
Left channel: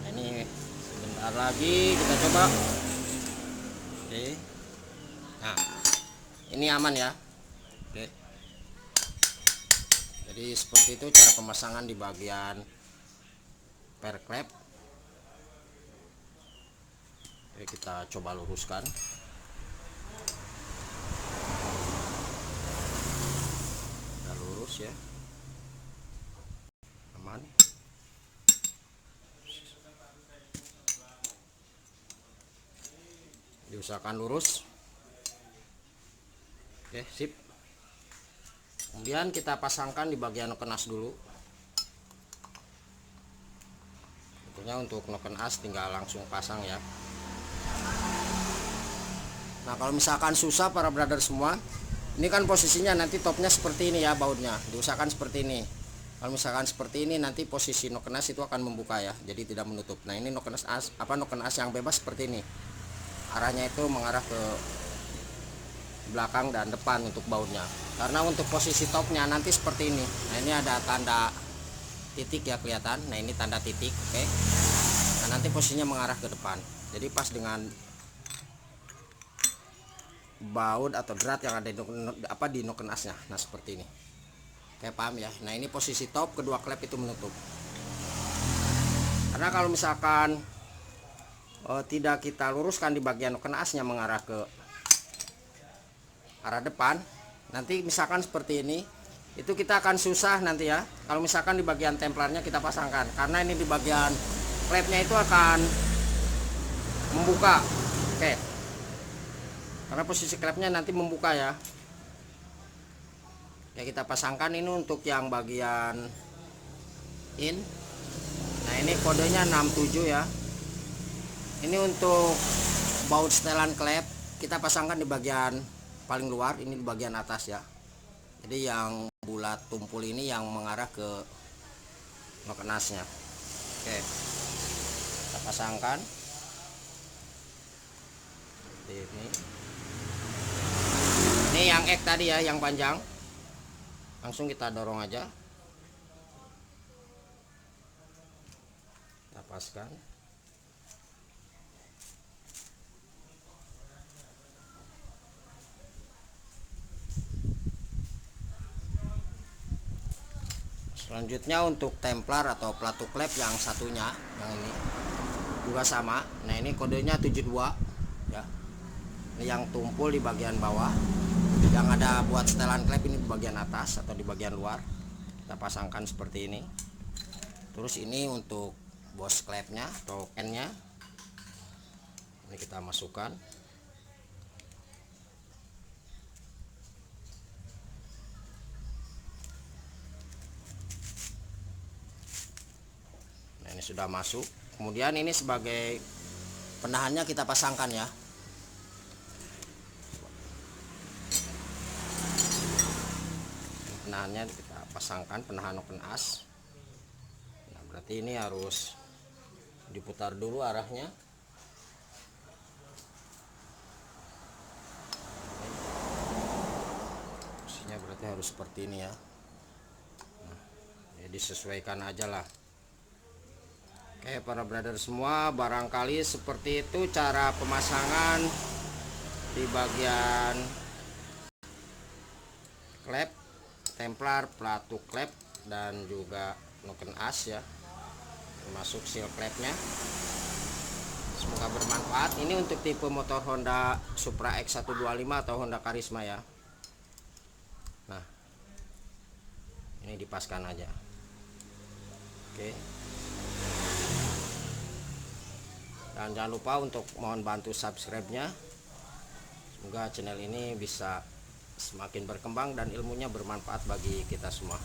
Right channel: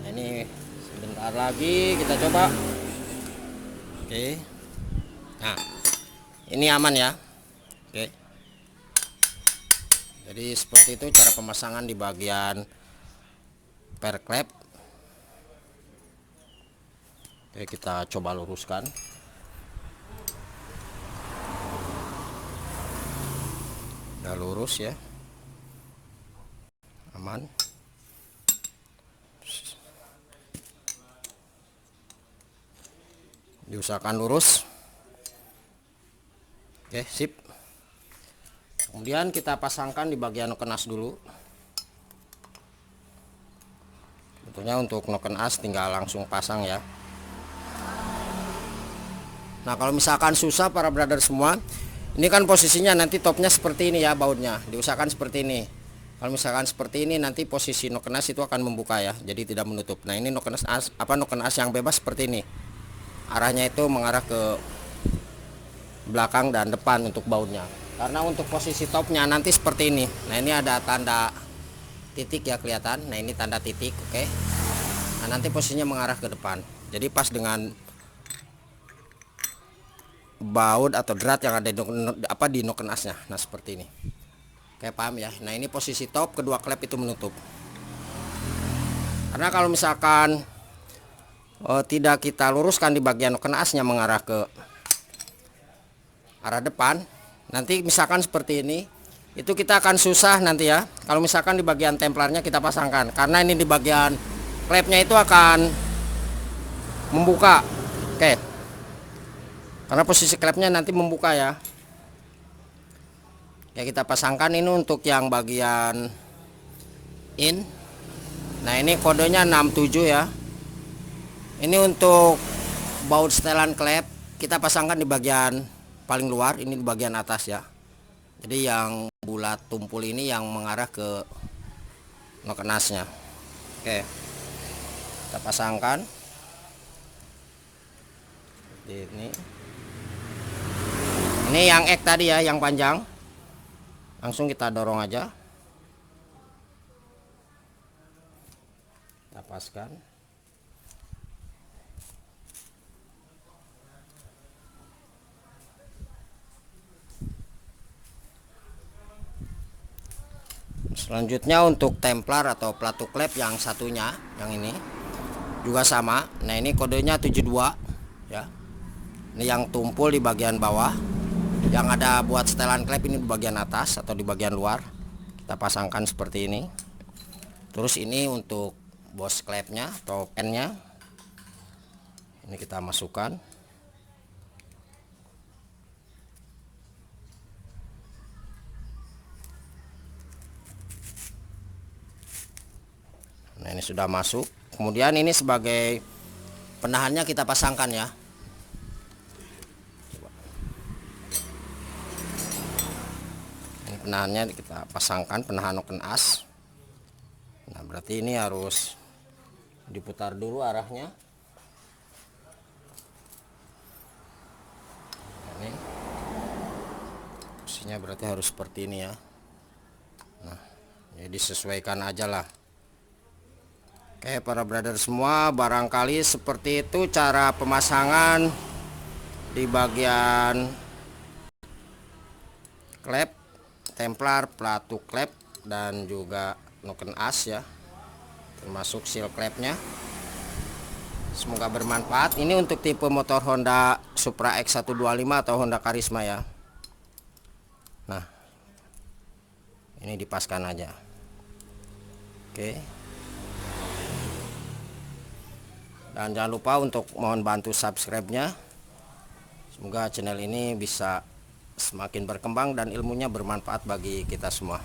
Nah, ini sebentar lagi kita coba. Oke. Nah, ini aman ya. Oke. Jadi seperti itu cara pemasangan di bagian per klep. Oke, kita coba luruskan. Udah lurus ya, aman. Diusahakan lurus. Oke, sip. Kemudian kita pasangkan di bagian noken as dulu. Tentunya untuk noken as tinggal langsung pasang ya. Nah, kalau misalkan susah para brother semua, ini kan posisinya nanti topnya seperti ini ya, bautnya diusahakan seperti ini. Kalau misalkan seperti ini, nanti posisi noken as itu akan membuka ya, jadi tidak menutup. Nah, ini noken as noken as yang bebas seperti ini, arahnya itu mengarah ke belakang dan depan untuk bautnya. Karena untuk posisi topnya nanti seperti ini. Nah, ini ada tanda titik ya, kelihatan. Nah, ini tanda titik. Oke. Nah, nanti posisinya mengarah ke depan, jadi pas dengan baut atau drat yang ada di noken asnya. Nah, seperti ini. Oke, paham ya. Nah, ini posisi top, kedua klep itu menutup. Karena kalau misalkan tidak kita luruskan di bagian noken asnya mengarah ke arah depan, nanti misalkan seperti ini, itu kita akan susah nanti ya. Kalau misalkan di bagian templarnya kita pasangkan, karena ini di bagian klepnya itu akan membuka. Oke, karena posisi klepnya nanti membuka ya. Ya, kita pasangkan ini untuk yang bagian in. Nah, ini kodenya 67 ya. Ini untuk baut setelan klep kita pasangkan di bagian paling luar, ini di bagian atas ya. Jadi yang bulat tumpul ini yang mengarah ke noken asnya. Oke, kita pasangkan ini. Ini yang X tadi ya, yang panjang. Langsung kita dorong aja, kita paskan. Selanjutnya untuk templar atau pelatu klep yang satunya, yang ini juga sama. Nah, ini kodenya 72 ya. Ini yang tumpul di bagian bawah. Yang ada buat setelan klep ini di bagian atas atau di bagian luar. Kita pasangkan seperti ini. Terus ini untuk bos klepnya atau pennya. Ini kita masukkan. Nah, ini sudah masuk. Kemudian ini sebagai penahannya kita pasangkan ya. Ini penahannya kita pasangkan, penahan noken as. Nah, berarti ini harus diputar dulu arahnya. Ini posisinya berarti harus seperti ini ya. Nah, ya disesuaikan aja lah. Oke, para brother semua, barangkali seperti itu cara pemasangan di bagian klep, templar, pelatu klep, dan juga noken as ya, termasuk seal klepnya. Semoga bermanfaat. Ini untuk tipe motor Honda Supra X125 atau Honda Karisma ya. Nah, Ini dipaskan aja. Oke. Dan jangan lupa untuk mohon bantu subscribe-nya. Semoga channel ini bisa semakin berkembang dan ilmunya bermanfaat bagi kita semua.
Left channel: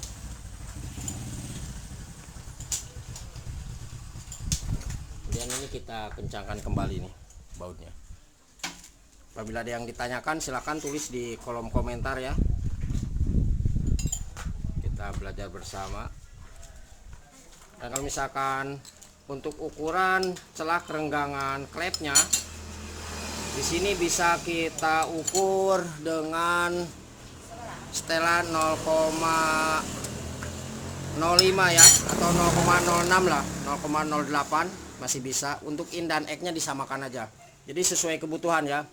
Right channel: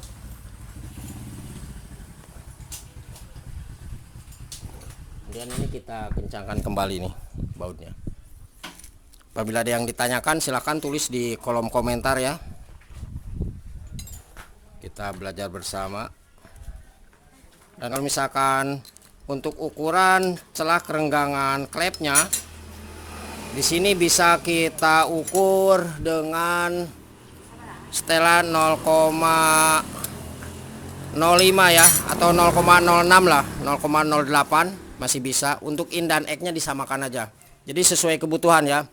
Kemudian ini kita kencangkan kembali nih bautnya. Apabila ada yang ditanyakan silahkan tulis di kolom komentar ya. Kita belajar bersama. Dan kalau misalkan untuk ukuran celah kerenggangan klepnya, di sini bisa kita ukur dengan setelan 0,05 ya, atau 0,06 lah, 0,08 masih bisa. Untuk in dan egg-nya disamakan aja. Jadi sesuai kebutuhan ya.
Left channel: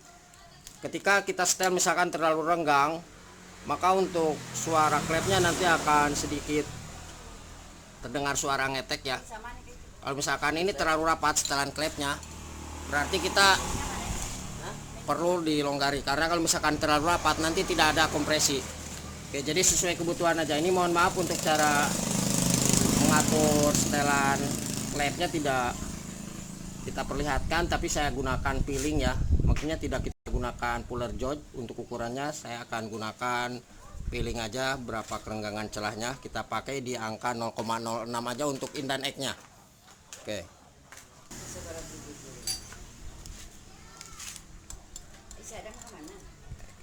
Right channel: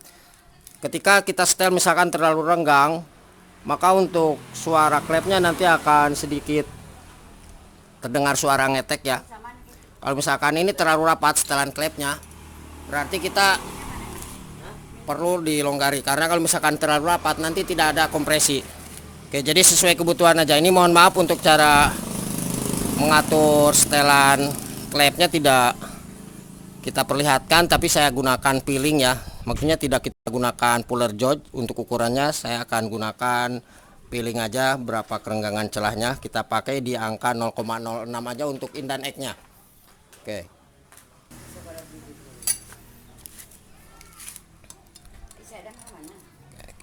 Ketika kita setel misalkan terlalu renggang, maka untuk suara klepnya nanti akan sedikit terdengar suara ngetek ya. Kalau misalkan ini terlalu rapat setelan klepnya, berarti kita perlu dilonggari, karena kalau misalkan terlalu rapat nanti tidak ada kompresi. Oke, jadi sesuai kebutuhan aja. Ini mohon maaf untuk cara mengatur setelan klepnya tidak kita perlihatkan, tapi saya gunakan peeling ya. Maksudnya tidak kita gunakan puller gauge untuk ukurannya, saya akan gunakan peeling aja. Berapa kerenggangan celahnya kita pakai di angka 0,06 aja untuk in dan egg-nya. Oke.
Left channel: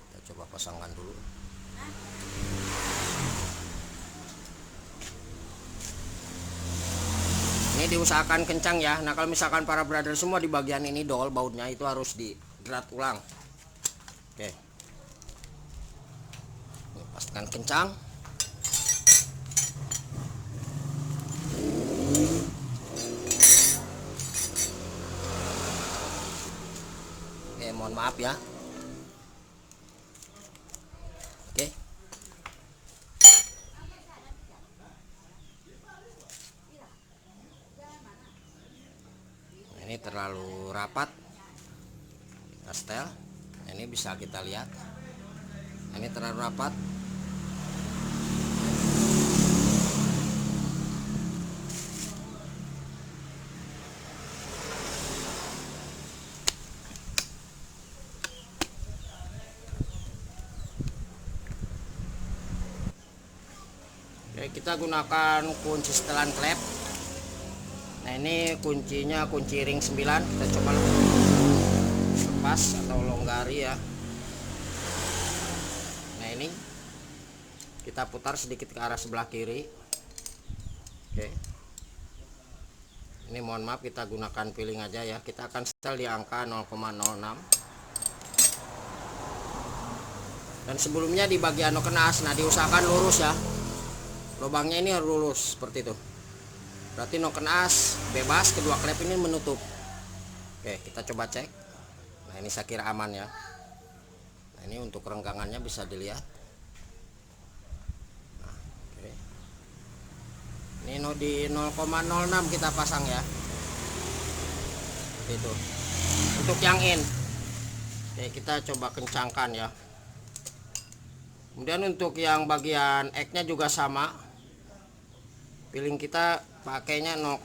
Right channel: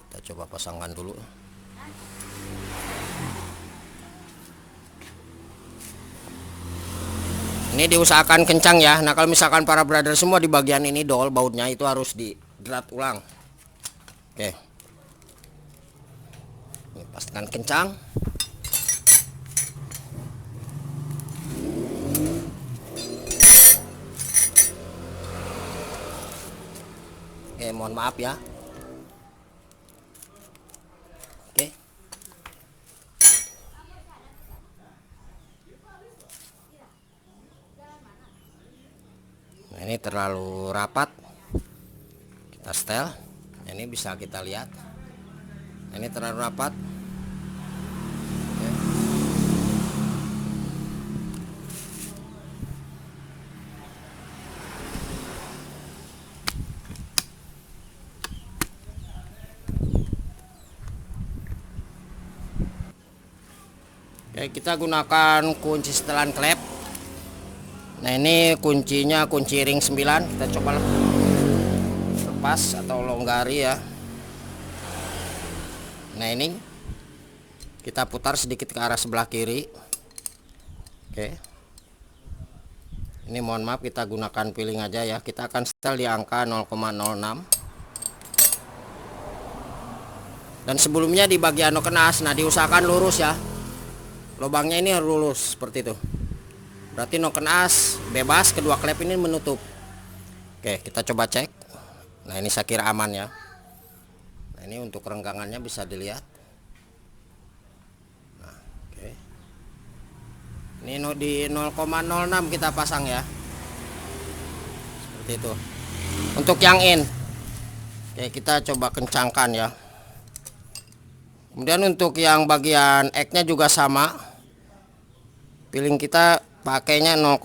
Kita coba pasangkan dulu. Ini diusahakan kencang ya. Nah kalau misalkan para brother semua di bagian ini dol bautnya itu harus digerat ulang. Oke. Pastikan kencang. Oke, mohon maaf ya. Oke. Ini terlalu rapat, kita setel. Ini bisa kita lihat, ini terlalu rapat. Oke, kita gunakan kunci setelan klep. Nah ini kuncinya kunci ring 9. Kita coba lepas atau longgari ya. Nah ini kita putar sedikit ke arah sebelah kiri. Oke. Ini mohon maaf kita gunakan peeling aja ya. Kita akan setel di angka 0,06. Dan sebelumnya di bagian nokenas, nah diusahakan lurus ya. Lubangnya ini harus lurus seperti itu. Berarti nokenas bebas, kedua klep ini menutup. Oke, kita coba cek. Nah ini saya kira aman ya. Nah ini untuk renggangannya bisa dilihat. Nah, oke. Ini di 0,06 kita pasang ya. Seperti itu. Untuk yang in, oke kita coba kencangkan ya. Kemudian untuk yang bagian egg-nya juga sama. Peeling kita pakainya 0,06.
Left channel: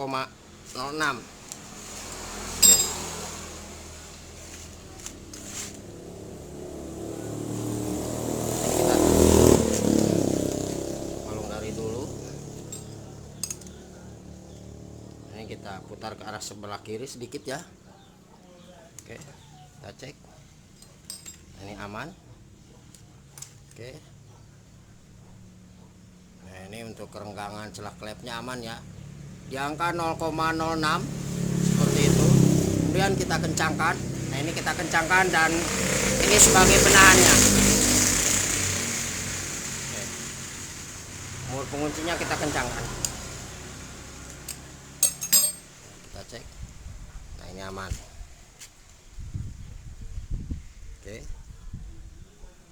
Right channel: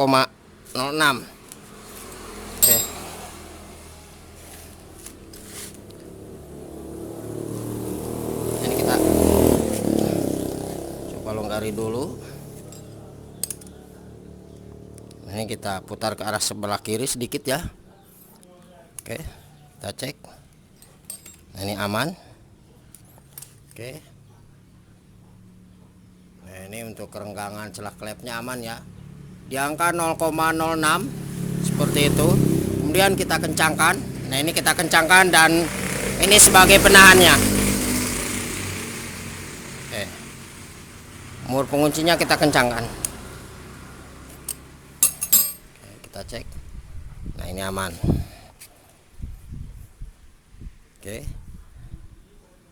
Oke. Ini kita coba longgari dulu. Ini kita putar ke arah sebelah kiri sedikit ya. Oke, kita cek. Nah, ini aman. Oke. Nah, ini untuk kerenggangan celah klepnya aman ya. Di angka 0,06 seperti itu. Kemudian kita kencangkan. Nah, ini kita kencangkan dan ini sebagai penahannya. Oke. Mur penguncinya kita kencangkan. Oke, kita cek. Nah, ini aman. Oke.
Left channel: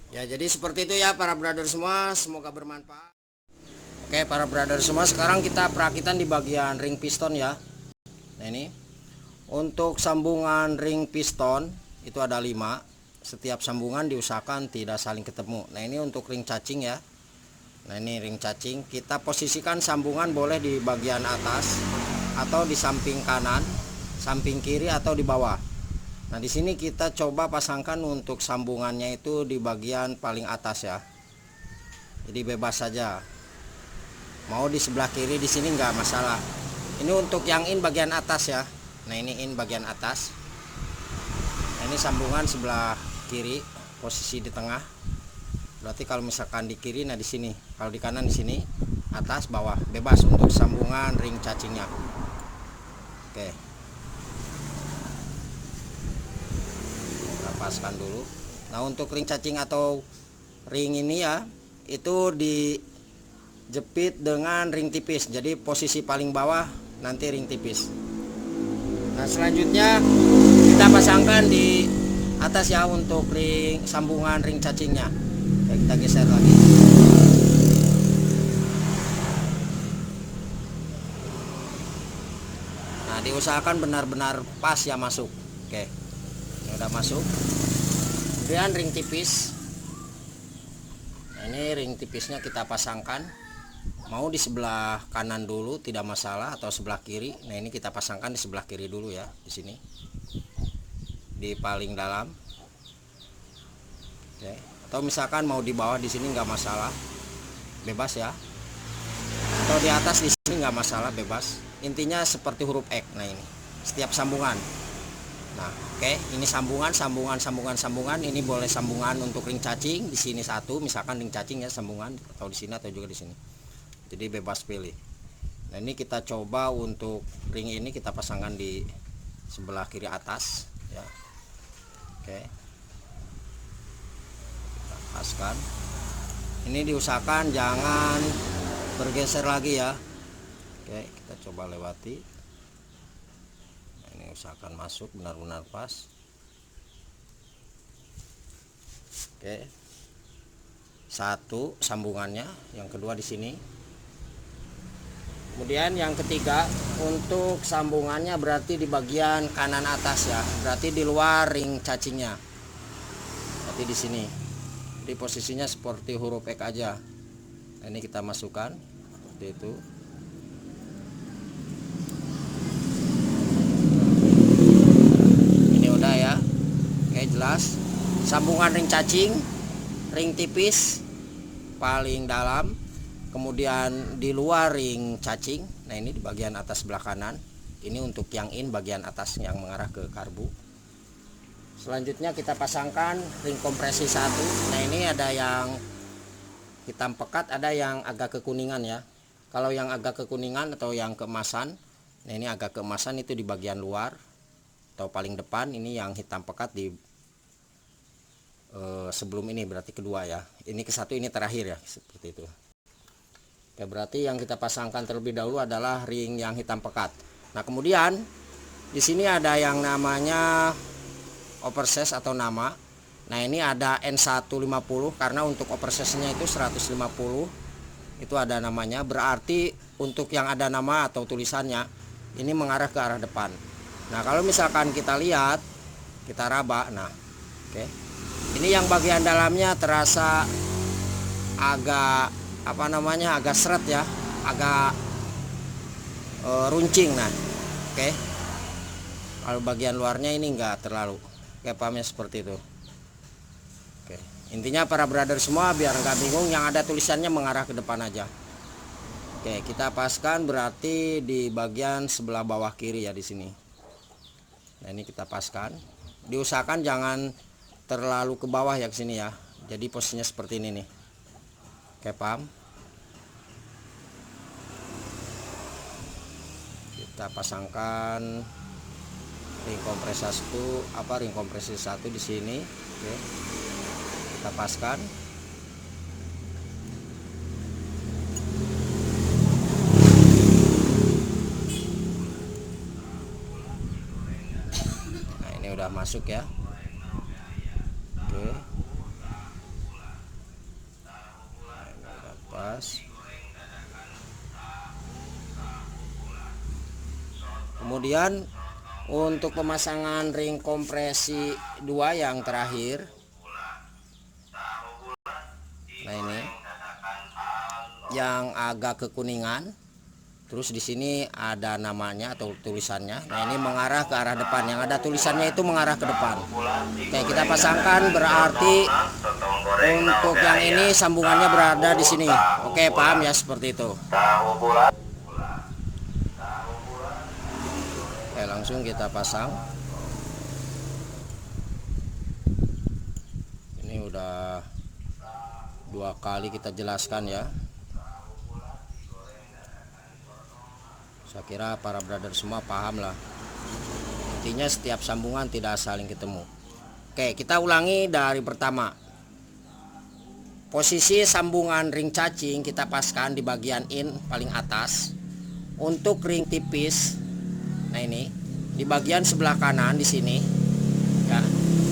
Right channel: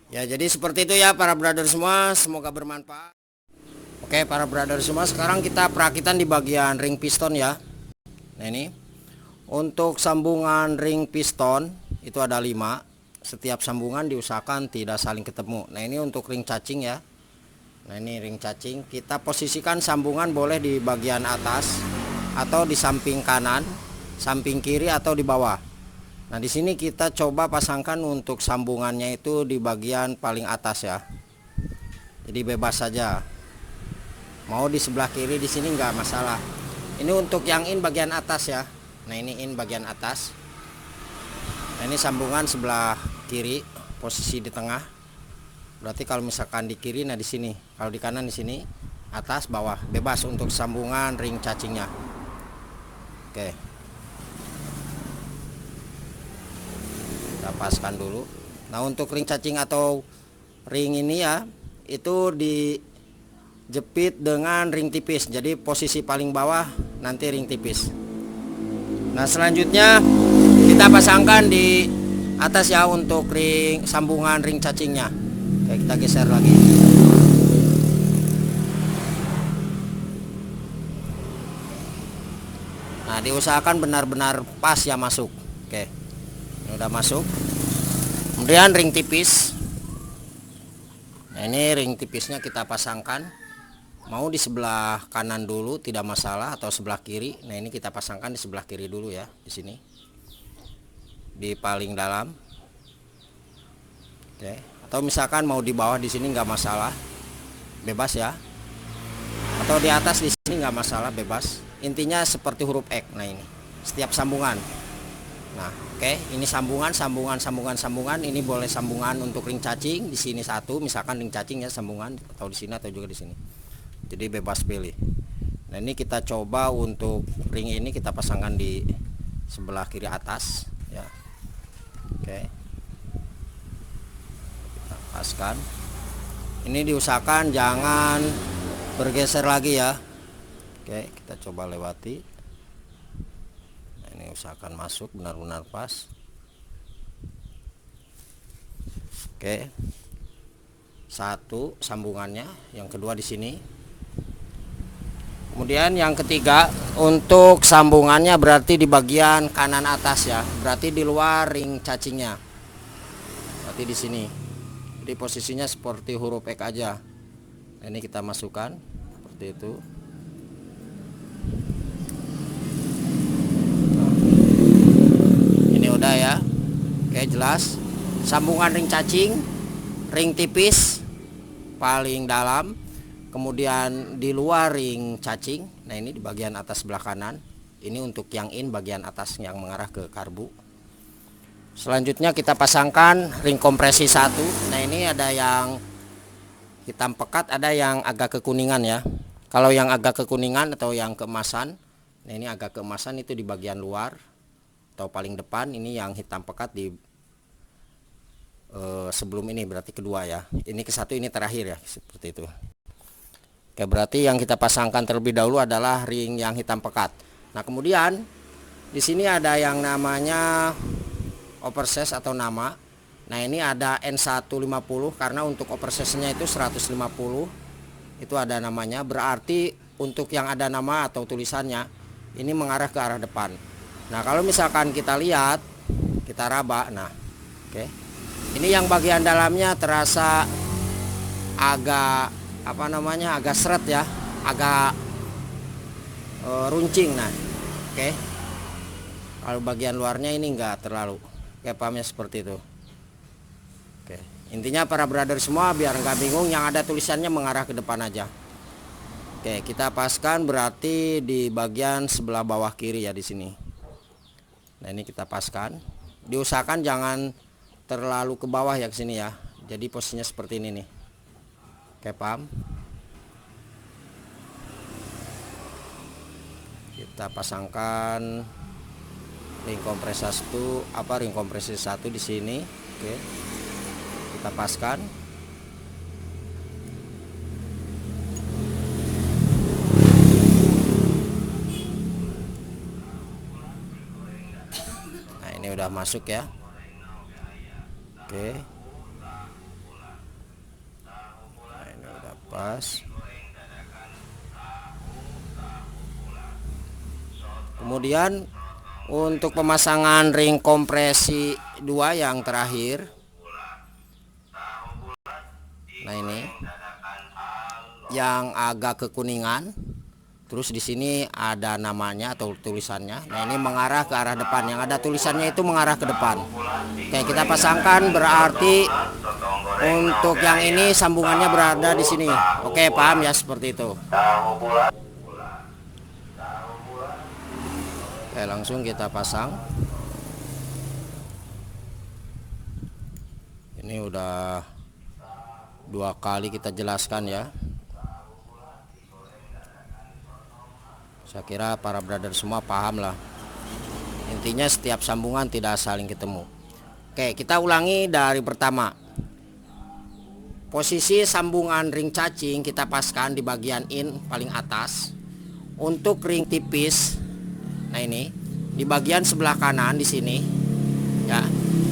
Ya, jadi seperti itu ya para brother semua, semoga bermanfaat. Oke, para brother semua, sekarang kita perakitan di bagian ring piston ya. Nah, ini untuk sambungan ring piston itu ada 5. Setiap sambungan diusahakan tidak saling ketemu. Nah, ini untuk ring cacing ya. Nah ini ring cacing, kita posisikan sambungan boleh di bagian atas atau di samping kanan, samping kiri atau di bawah. Nah di sini kita coba pasangkan untuk sambungannya itu di bagian paling atas ya. Jadi bebas saja. Mau di sebelah kiri di sini nggak masalah. Ini untuk yang in bagian atas ya. Nah ini in bagian atas. Nah ini sambungan sebelah kiri, posisi di tengah. Berarti kalau misalkan di kiri, nah di sini. Kalau di kanan di sini, atas, bawah, bebas untuk sambungan ring cacingnya. Oke. Kita paskan dulu. Nah untuk ring cacing atau ring ini ya, itu dijepit dengan ring tipis. Jadi posisi paling bawah nanti ring tipis. Nah selanjutnya kita pasangkan di atas ya untuk ring sambungan ring cacingnya. Oke, kita geser lagi. Nah diusahakan benar-benar pas ya masuk. Oke, ini udah masuk. Kemudian ring tipis. Nah ini ring tipisnya kita pasangkan. Mau di sebelah kanan dulu tidak masalah atau sebelah kiri. Nah ini kita pasangkan di sebelah kiri dulu ya, di sini. Di paling dalam. Oke. Atau misalkan mau di bawah di sini nggak masalah, bebas ya. Atau di atas di sini nggak masalah, bebas. Intinya seperti huruf X. Nah ini setiap sambungan. Nah oke, ini sambungan. Ini boleh sambungan untuk ring cacing di sini satu, misalkan ring cacing ya sambungan, atau di sini atau juga di sini. Jadi bebas pilih. Nah ini kita coba untuk ring ini kita pasangkan di sebelah kiri atas ya. Oke. Paskan. Ini diusahakan jangan bergeser lagi ya. Oke, kita coba lewati. Nah, ini usahakan masuk benar-benar pas. Oke. Satu sambungannya, yang kedua di sini. Kemudian yang ketiga untuk sambungannya berarti di bagian kanan atas ya. Berarti di luar ring cacingnya. Berarti di sini. Jadi posisinya seperti huruf X aja. Nah, ini kita masukkan seperti itu. Nah, ini udah ya. Oke, jelas. Sambungan ring cacing, ring tipis paling dalam, kemudian di luar ring cacing. Nah, ini di bagian atas sebelah kanan. Ini untuk yang in bagian atas yang mengarah ke karbu. Selanjutnya kita pasangkan ring kompresi satu. Nah ini ada yang hitam pekat, ada yang agak kekuningan ya. Kalau yang agak kekuningan atau yang keemasan, nah ini agak keemasan itu di bagian luar atau paling depan. Ini yang hitam pekat di sebelum ini, berarti kedua ya. Ini ke satu, ini terakhir ya, seperti itu. Oke, berarti yang kita pasangkan terlebih dahulu adalah ring yang hitam pekat. Nah kemudian di sini ada yang namanya oversize atau nama. Nah ini ada N150 karena untuk oversize-nya itu 150 itu ada namanya. Berarti untuk yang ada nama atau tulisannya ini mengarah ke arah depan. Nah kalau misalkan kita lihat, kita raba, nah oke, ini yang bagian dalamnya terasa agak agak seret ya, agak runcing. Nah oke, kalau bagian luarnya ini enggak terlalu. Oke, pahamnya seperti itu. Oke, intinya para brother semua biar nggak bingung, yang ada tulisannya mengarah ke depan aja. Oke, kita paskan berarti di bagian sebelah bawah kiri ya, di sini. Nah ini kita paskan. Diusahakan jangan terlalu ke bawah ya, ke sini ya. Jadi posisinya seperti ini nih. Oke, paham? Kita pasangkan ring kompresi satu di sini. Oke, kita paskan. Nah ini udah masuk ya. Oke, nah ini udah pas. Kemudian untuk pemasangan ring kompresi 2 yang terakhir. Nah ini yang agak kekuningan. Terus di sini ada namanya atau tulisannya. Nah, ini mengarah ke arah depan. Yang ada tulisannya itu mengarah ke depan. Oke, kita pasangkan, berarti untuk yang ini sambungannya berada di sini. Oke, paham ya, seperti itu. Oke, langsung kita pasang. Ini udah 2 kali kita jelaskan ya. Saya kira para brother semua paham lah. Intinya setiap sambungan tidak saling ketemu. Oke, kita ulangi dari pertama. Posisi sambungan ring cacing kita paskan di bagian in paling atas. Untuk ring tipis, nah ini di bagian sebelah kanan di sini. Ya.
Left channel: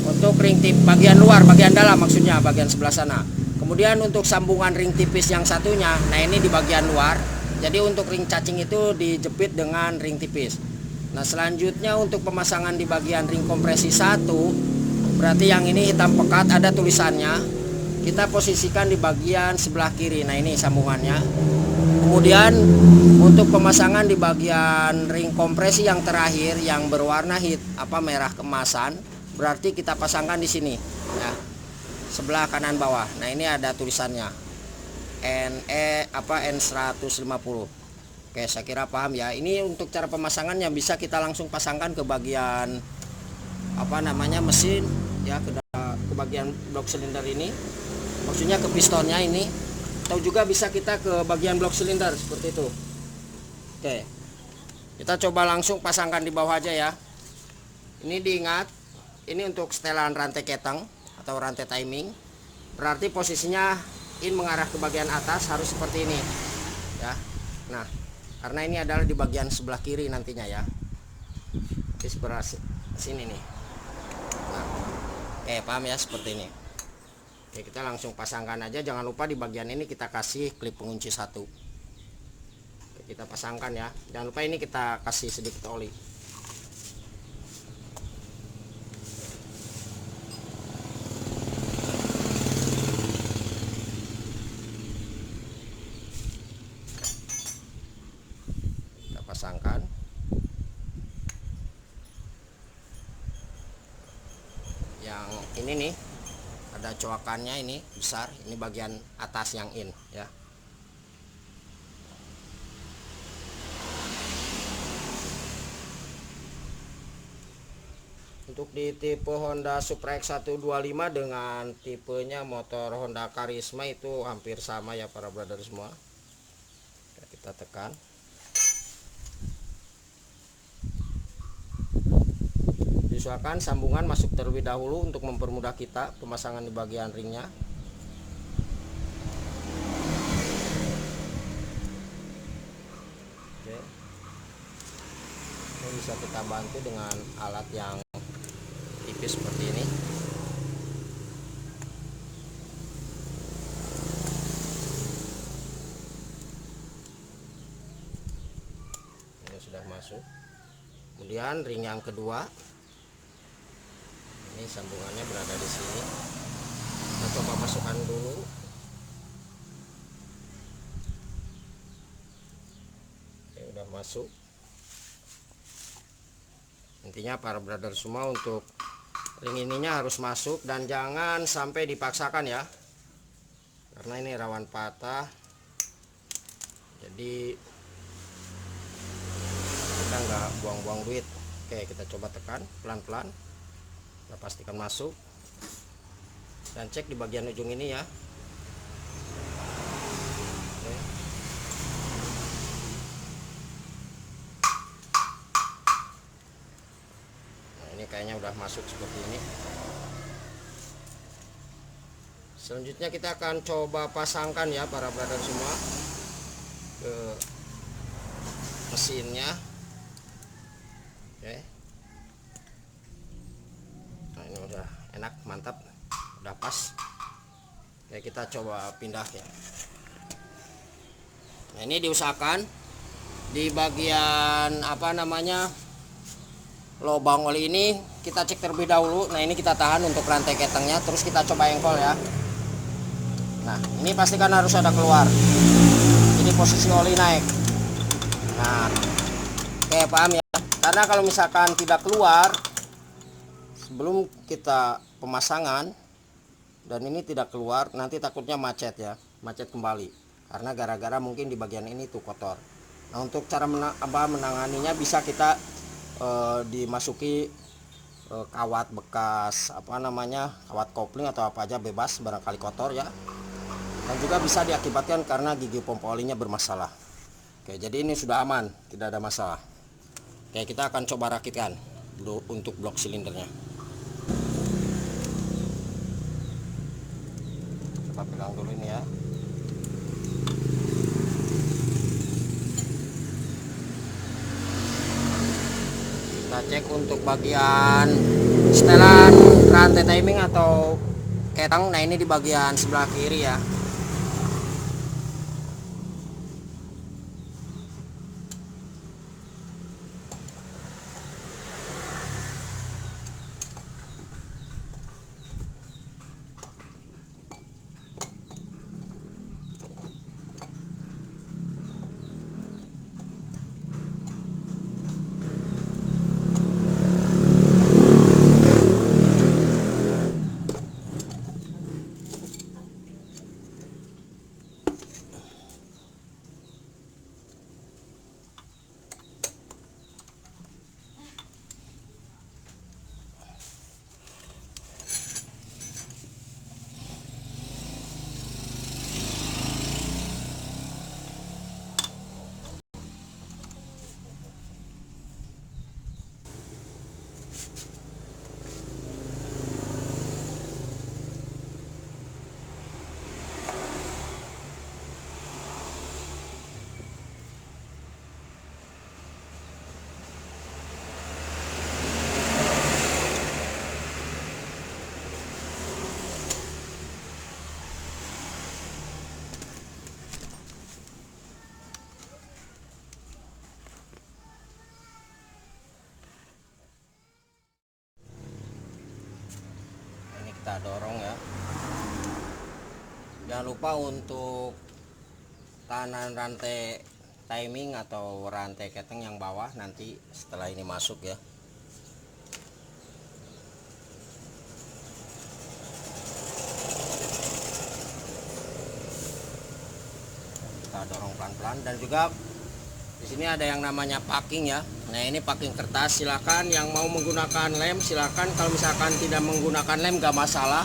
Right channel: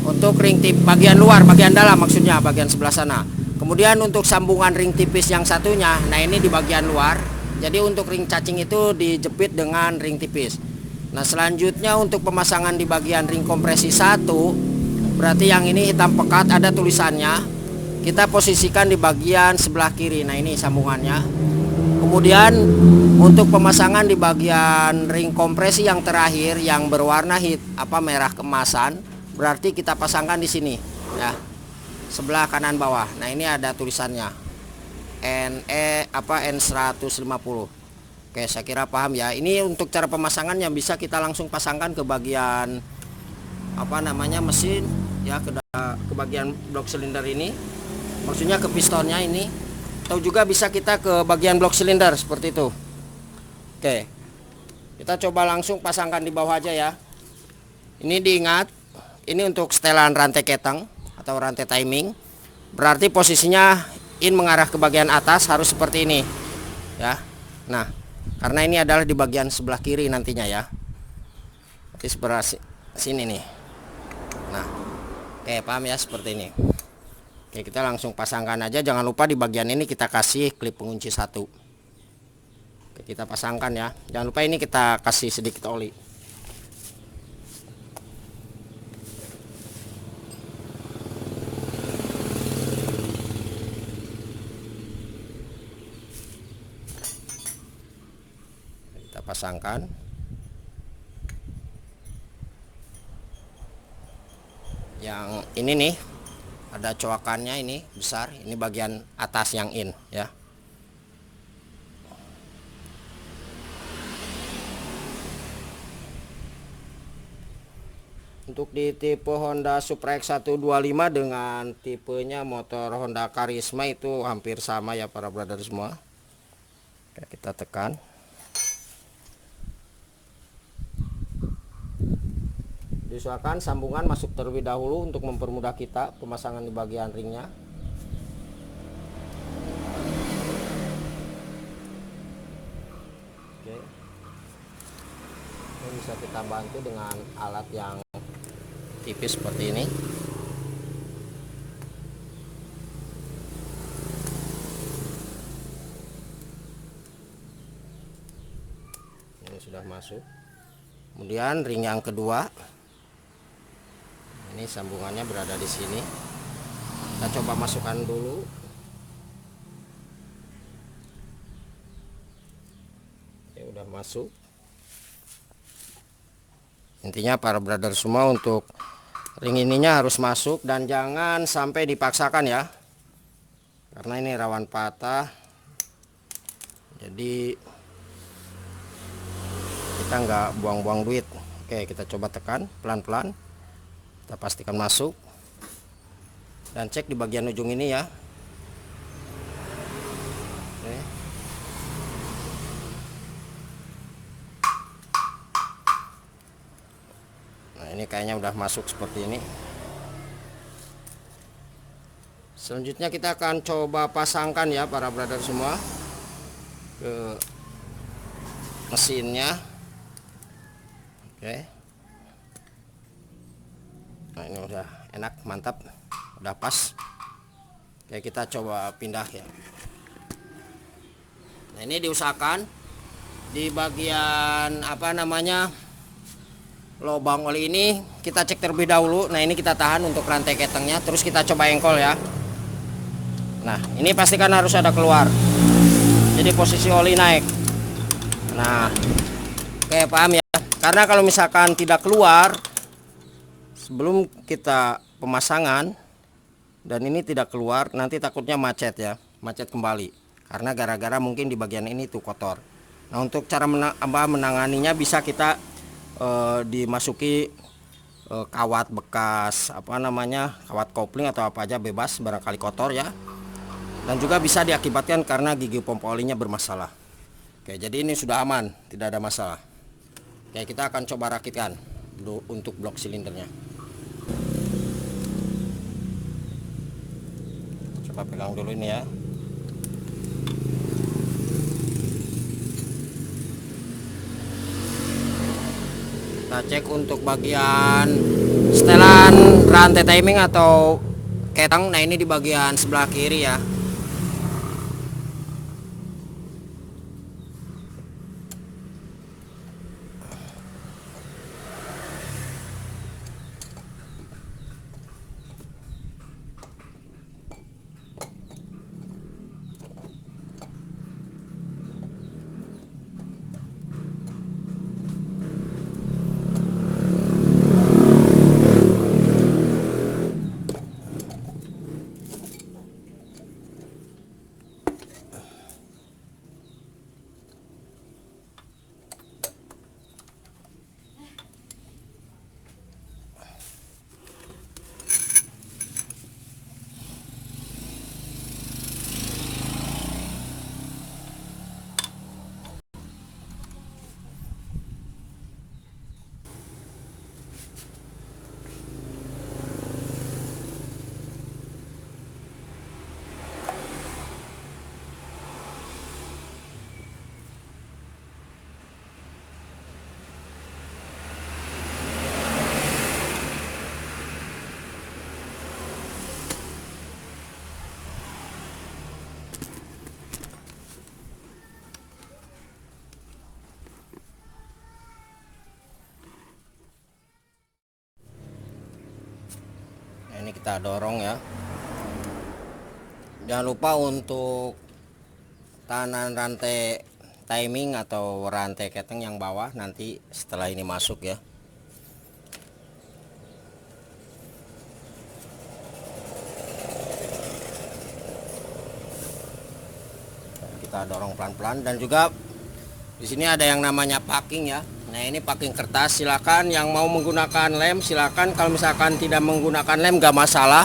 Untuk ring tip bagian luar, bagian dalam maksudnya, bagian sebelah sana. Kemudian untuk sambungan ring tipis yang satunya, nah ini di bagian luar. Jadi untuk ring cacing itu dijepit dengan ring tipis. Nah, selanjutnya untuk pemasangan di bagian ring kompresi 1, berarti yang ini hitam pekat ada tulisannya. Kita posisikan di bagian sebelah kiri. Nah, ini sambungannya. Kemudian untuk pemasangan di bagian ring kompresi yang terakhir yang berwarna merah keemasan, berarti kita pasangkan di sini ya. Sebelah kanan bawah. Nah, ini ada tulisannya. N150. Oke, saya kira paham ya. Ini untuk cara pemasangan yang bisa kita langsung pasangkan ke bagian mesin ya, ke bagian blok silinder ini. Maksudnya ke pistonnya ini. Atau juga bisa kita ke bagian blok silinder seperti itu. Oke. Kita coba langsung pasangkan di bawah aja ya. Ini diingat, ini untuk setelan rantai keteng atau rantai timing. Berarti posisinya in mengarah ke bagian atas harus seperti ini ya. Nah, karena ini adalah di bagian sebelah kiri nantinya ya, di sebelah sini nih. Nah, oke, paham ya, seperti ini. Oke, kita langsung pasangkan aja. Jangan lupa di bagian ini kita kasih klip pengunci 1. Oke, kita pasangkan ya. Jangan lupa ini kita kasih sedikit oli. Pasangkan. Yang ini nih ada coakannya, ini besar, ini bagian atas yang in ya. Untuk di tipe Honda Supra X125 dengan tipenya motor Honda Karisma itu hampir sama ya para brother semua. Oke, kita tekan. Diusahakan sambungan masuk terlebih dahulu untuk mempermudah kita pemasangan di bagian ringnya. Oke. Ini bisa kita bantu dengan alat yang tipis seperti ini. Ini sudah masuk. Kemudian ring yang kedua. Ini sambungannya berada di sini. Kita coba masukkan dulu. Ya, udah masuk. Intinya para brother semua, untuk ring ininya harus masuk dan jangan sampai dipaksakan ya. Karena ini rawan patah. Jadi kita nggak buang-buang duit. Oke, kita coba tekan pelan-pelan. Kita pastikan masuk dan cek di bagian ujung ini ya. Oke. Nah, ini kayaknya udah masuk seperti ini. Selanjutnya kita akan coba pasangkan ya para brother semua ke mesinnya. Oke. Nah, ini udah enak, mantap, udah pas. Oke, kita coba pindah ya. Nah, ini diusahakan di bagian lubang oli ini kita cek terlebih dahulu. Nah, ini kita tahan untuk rantai ketengnya, terus kita coba engkol ya. Nah, ini pastikan harus ada keluar. jadi posisi oli naik. Nah, oke, paham ya, karena kalau misalkan tidak keluar sebelum kita pemasangan dan ini tidak keluar, nanti takutnya macet ya, macet kembali karena gara-gara mungkin di bagian ini tuh kotor. Nah, untuk cara menanganinya bisa kita dimasuki kawat bekas kawat kopling atau apa aja, bebas, barangkali kotor ya, dan juga bisa diakibatkan karena gigi pompa olinya bermasalah. Oke, jadi ini sudah aman, tidak ada masalah. Oke, kita akan coba rakitkan dulu untuk blok silindernya. Coba pegang dulu ini ya. Kita cek untuk bagian setelan rantai timing atau ketang. Nah, ini di bagian sebelah kiri ya. Ini kita dorong ya. Jangan lupa untuk tahanan rantai timing atau rantai keteng yang bawah nanti setelah ini masuk ya. Kita dorong pelan-pelan, dan juga di sini ada yang namanya packing ya. Nah, ini packing kertas. Silakan yang mau menggunakan lem silakan, kalau misalkan tidak menggunakan lem gak masalah.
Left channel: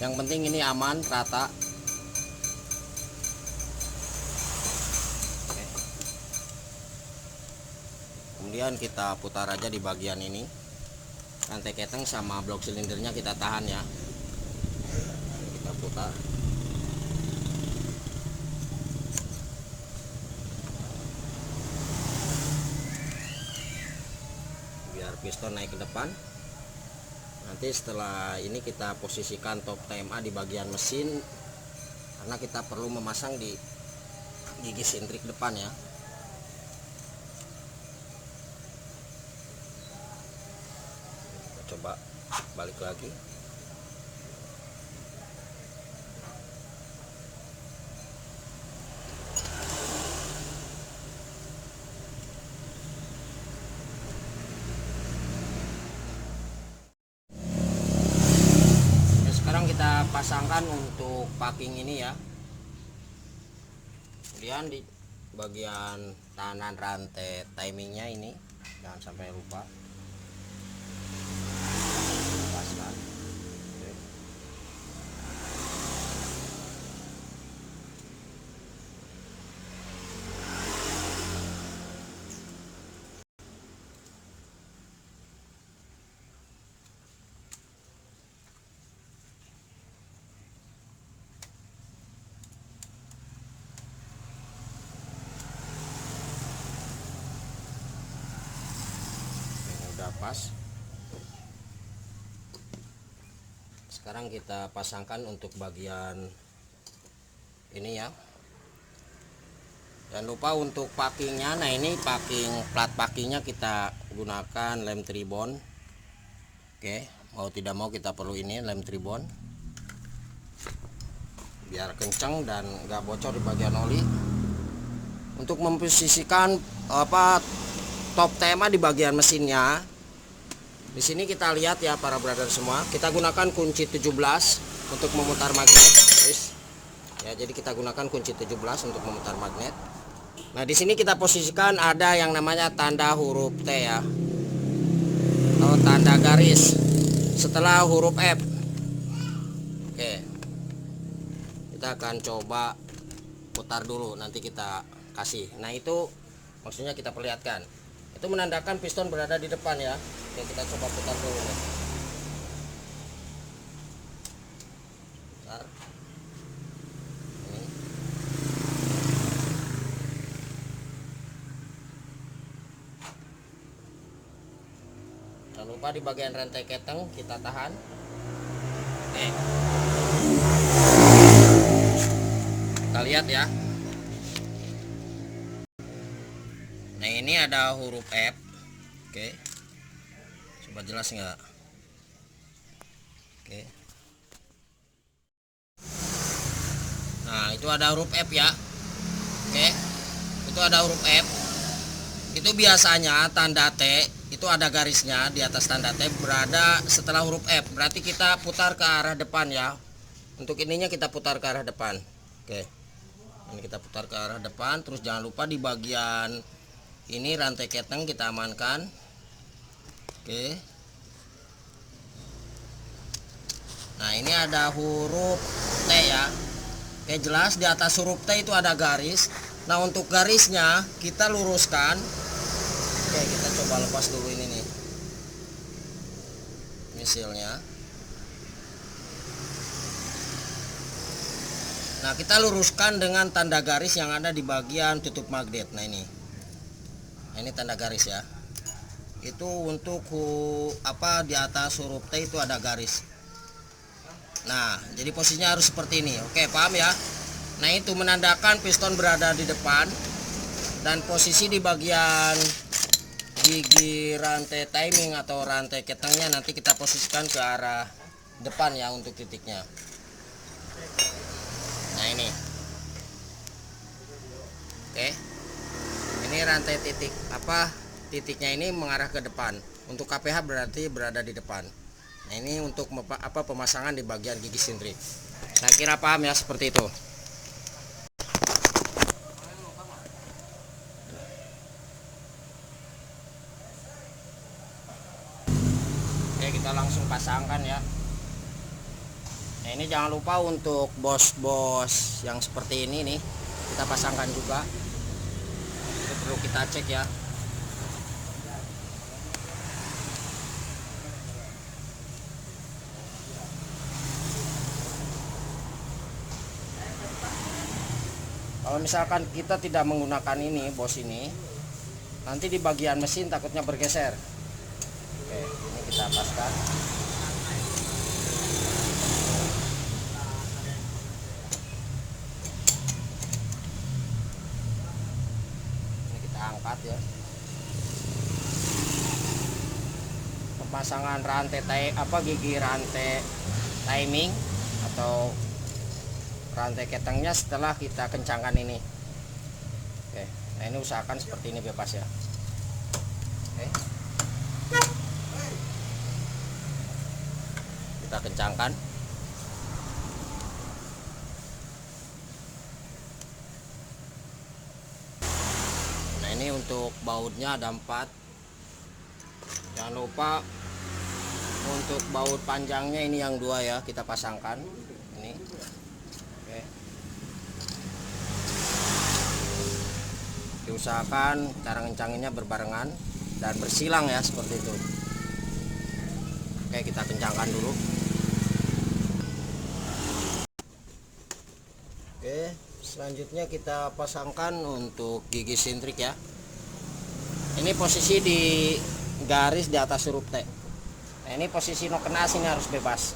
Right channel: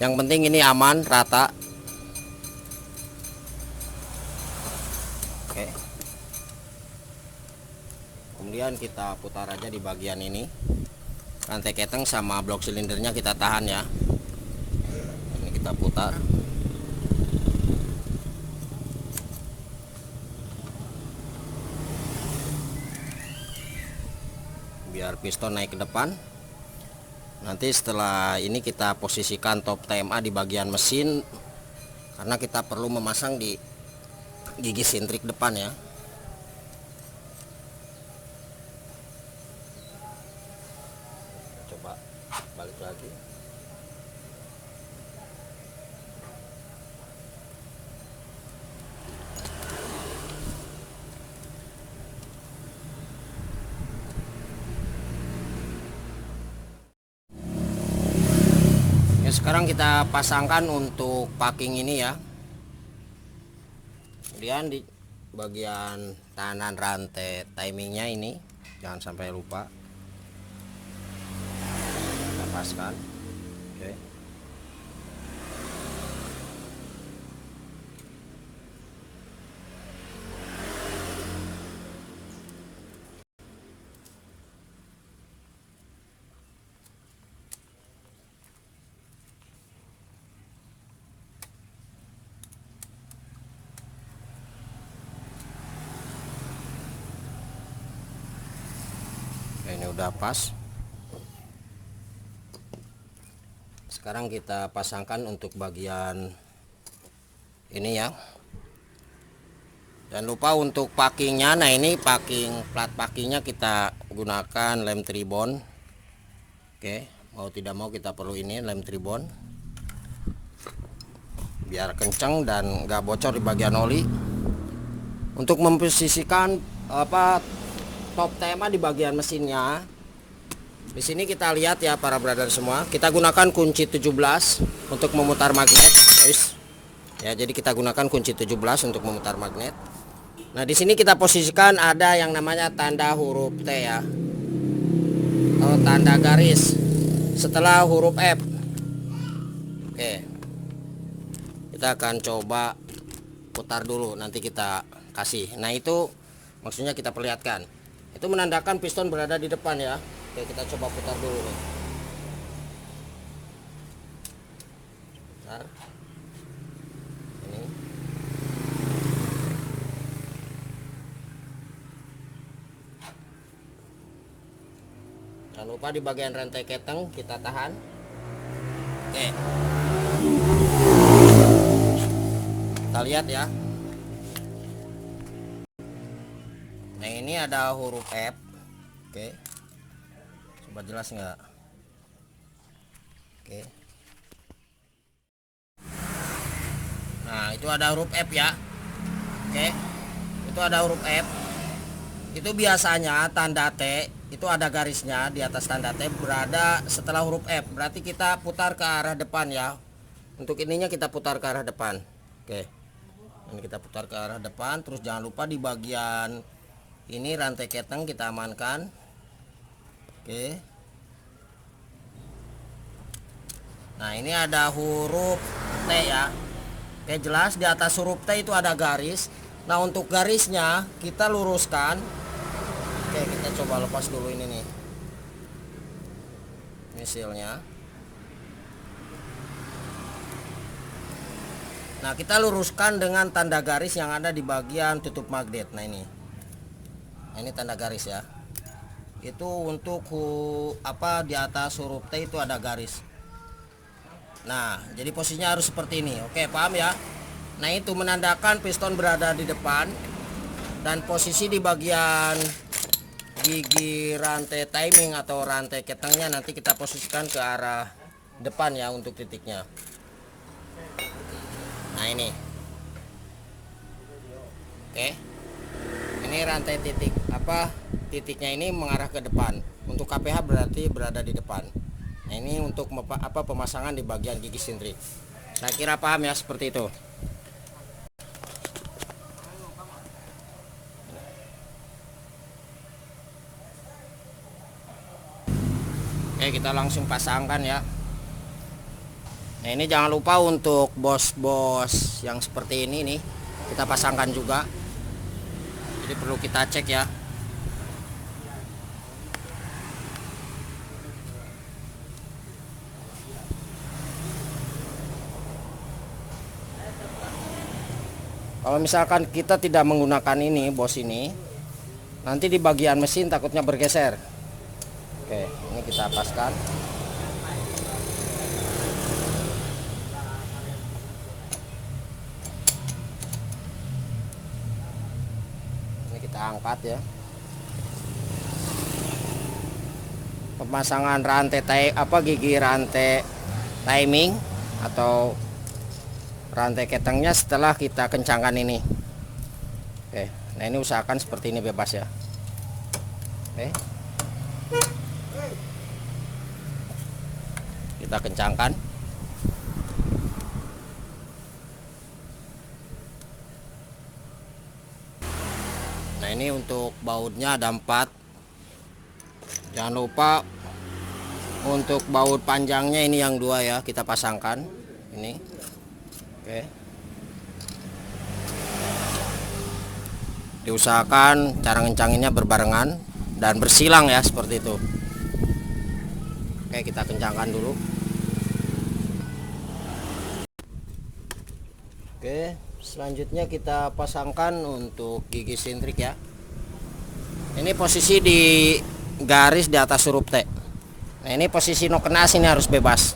Yang penting ini aman, rata. Oke. Kemudian kita putar aja di bagian ini. Rantai keteng sama blok silindernya kita tahan ya. Ini kita putar. Biar piston naik ke depan. Nanti setelah ini kita posisikan top TMA di bagian mesin, karena kita perlu memasang di gigi sintrik depan ya. Coba balik lagi. Sekarang kita pasangkan untuk packing ini ya. Kemudian di bagian tahanan rantai timingnya ini jangan sampai lupa lepaskan. Oke. Ini udah pas. Sekarang kita pasangkan untuk bagian ini ya. Jangan lupa untuk packingnya. Nah, ini packing, plat packingnya kita gunakan lem tribon. Oke, mau tidak mau kita perlu ini lem tribon. biar kencang dan nggak bocor di bagian oli. Untuk memposisikan top tema di bagian mesinnya, di sini kita lihat ya para brother semua, kita gunakan kunci 17 untuk memutar magnet, guys. Ya, jadi kita gunakan kunci 17 untuk memutar magnet. Nah, di sini kita posisikan ada yang namanya tanda huruf T ya, atau tanda garis setelah huruf F. Oke, kita akan coba putar dulu, nanti kita kasih. Nah, itu maksudnya kita perlihatkan, itu menandakan piston berada di depan ya. Oke, kita coba putar dulu nih. Bentar. Ini. Jangan lupa di bagian rantai keteng kita tahan. Oke, kita lihat ya. Nah, ini ada huruf F. Oke, coba jelas nggak? Oke, nah itu ada huruf F ya. Oke, itu ada huruf F. Itu biasanya tanda T itu ada garisnya di atas tanda T berada setelah huruf F. Berarti kita putar ke arah depan ya. Untuk ininya kita putar ke arah depan. Oke, ini kita putar ke arah depan. Terus jangan lupa di bagian ini rantai keteng kita amankan. Oke, nah ini ada huruf T ya. Oke, jelas di atas huruf T itu ada garis. Nah, untuk garisnya kita luruskan. Oke, kita coba lepas dulu ini nih misilnya. Nah, kita luruskan dengan tanda garis yang ada di bagian tutup magnet. Nah, ini tanda garis ya. Itu untuk di atas huruf T itu ada garis. Nah, jadi posisinya harus seperti ini. Oke, paham ya? Nah, itu menandakan piston berada di depan, dan posisi di bagian gigi rantai timing atau rantai ketengnya nanti kita posisikan ke arah depan ya untuk titiknya. Nah, ini. Oke. Ini rantai titiknya ini mengarah ke depan. Untuk KPH berarti berada di depan. Nah, ini untuk pemasangan di bagian gigi sintrik. Saya kira paham ya, seperti itu. Oke, kita langsung pasangkan ya. Nah, ini jangan lupa untuk bos-bos yang seperti ini nih, kita pasangkan juga. Jadi perlu kita cek ya. Kalau misalkan kita tidak menggunakan ini, bos ini, nanti di bagian mesin takutnya bergeser. Oke, ini kita paskan. Ini kita angkat ya. Pemasangan rantai gigi rantai timing atau rantai ketengnya setelah kita kencangkan ini. Oke, nah ini usahakan seperti ini bebas ya. Oke, kita kencangkan. Nah, ini untuk bautnya ada 4. Jangan lupa untuk baut panjangnya ini yang 2 ya, kita pasangkan ini. Oke, diusahakan cara ngencanginnya berbarengan dan bersilang ya, seperti itu. Oke, kita kencangkan dulu. Oke, selanjutnya kita pasangkan untuk gigi sintrik ya. Ini posisi di garis di atas huruf T. Nah, ini posisi no kena sini harus bebas.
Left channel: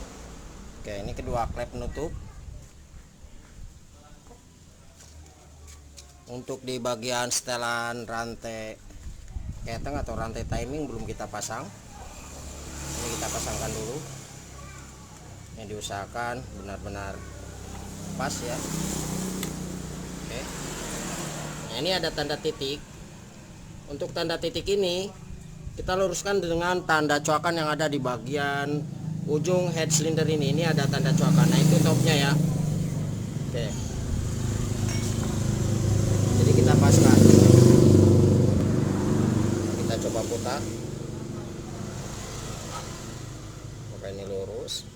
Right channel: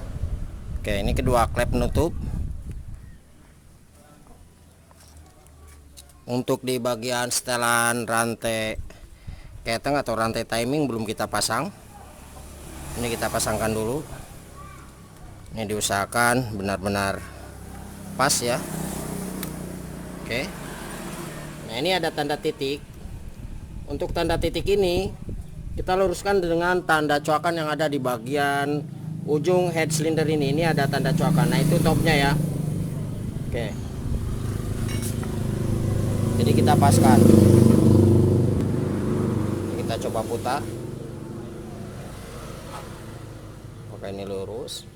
Oke, ini kedua klep penutup. Untuk di bagian setelan rantai keteng atau rantai timing belum kita pasang. Ini kita pasangkan dulu. Ini diusahakan benar-benar pas ya. Oke. Nah, ini ada tanda titik. Untuk tanda titik ini kita luruskan dengan tanda coakan yang ada di bagian ujung head cylinder ini. Ini ada tanda coakan. Nah, itu topnya ya. Oke. Jadi kita paskan. Kita coba putar. Oke, ini lurus.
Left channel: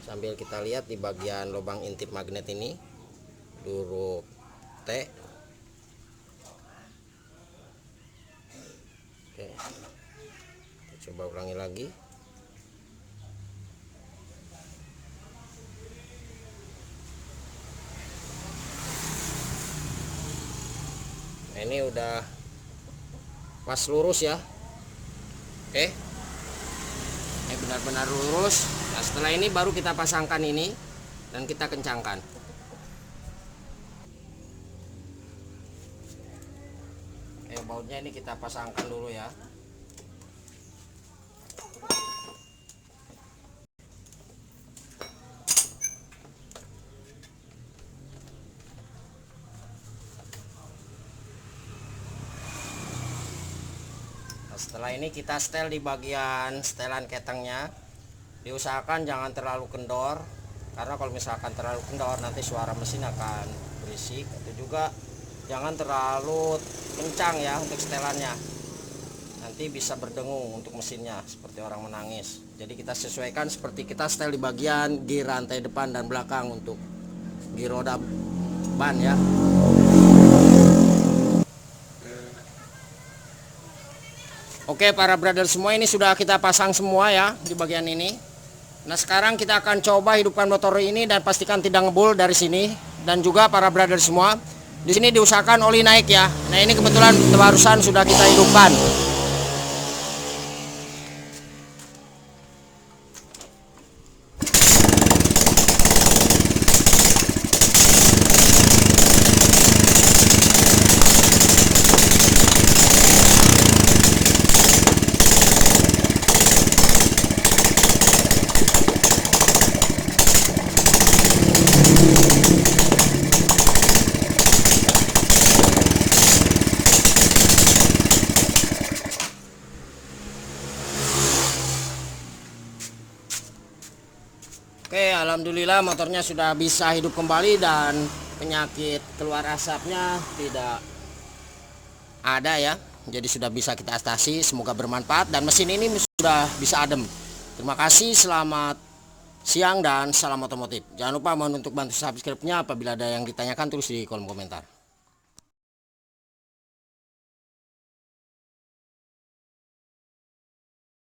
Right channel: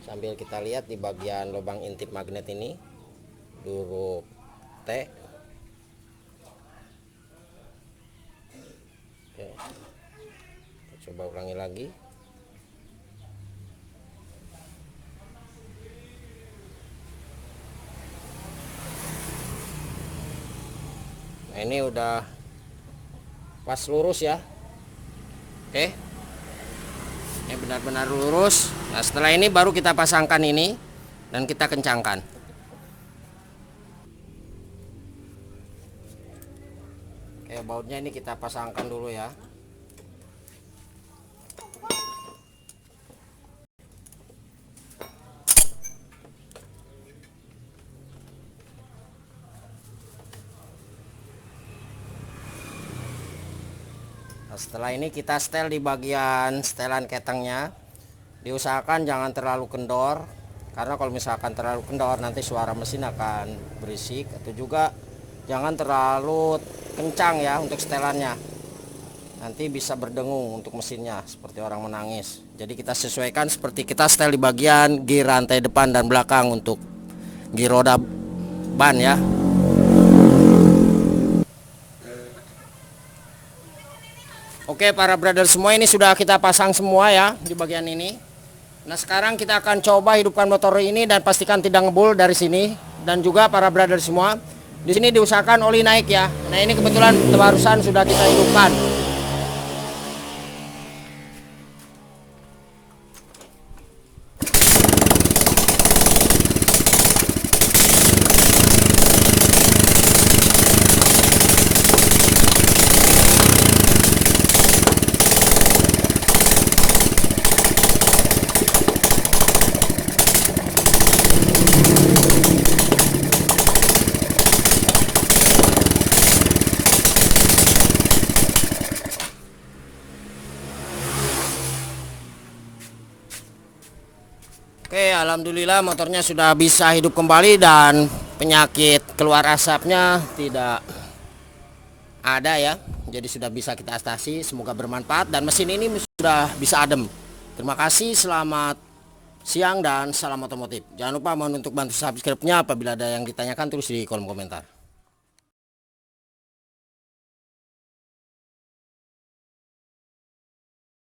Sambil kita lihat di bagian lubang intip magnet ini huruf T. Oke, kita coba ulangi lagi. Nah, ini udah pas lurus ya. Oke, ini benar-benar lurus. Nah, setelah ini baru kita pasangkan ini dan kita kencangkan. Oke, bautnya ini kita pasangkan dulu ya. Setelah ini kita setel di bagian setelan ketengnya. Diusahakan jangan terlalu kendor, karena kalau misalkan terlalu kendor nanti suara mesin akan berisik. Atau juga jangan terlalu kencang ya untuk setelannya, nanti bisa berdengung untuk mesinnya seperti orang menangis. Jadi kita sesuaikan seperti kita setel di bagian gir rantai depan dan belakang untuk gir roda ban ya. Oke, para brother semua, ini sudah kita pasang semua ya di bagian ini. Nah, sekarang kita akan coba hidupkan motor ini dan pastikan tidak ngebul dari sini. Dan juga para brother semua, di sini diusahakan oli naik ya. Nah, ini kebetulan barusan sudah kita hidupkan. Oke, alhamdulillah motornya sudah bisa hidup kembali dan penyakit keluar asapnya tidak ada ya. Jadi sudah bisa kita atasi, semoga bermanfaat dan mesin ini sudah bisa adem. Terima kasih, selamat siang dan salam otomotif. Jangan lupa mohon untuk bantu subscribe-nya, apabila ada yang ditanyakan tulis di kolom komentar.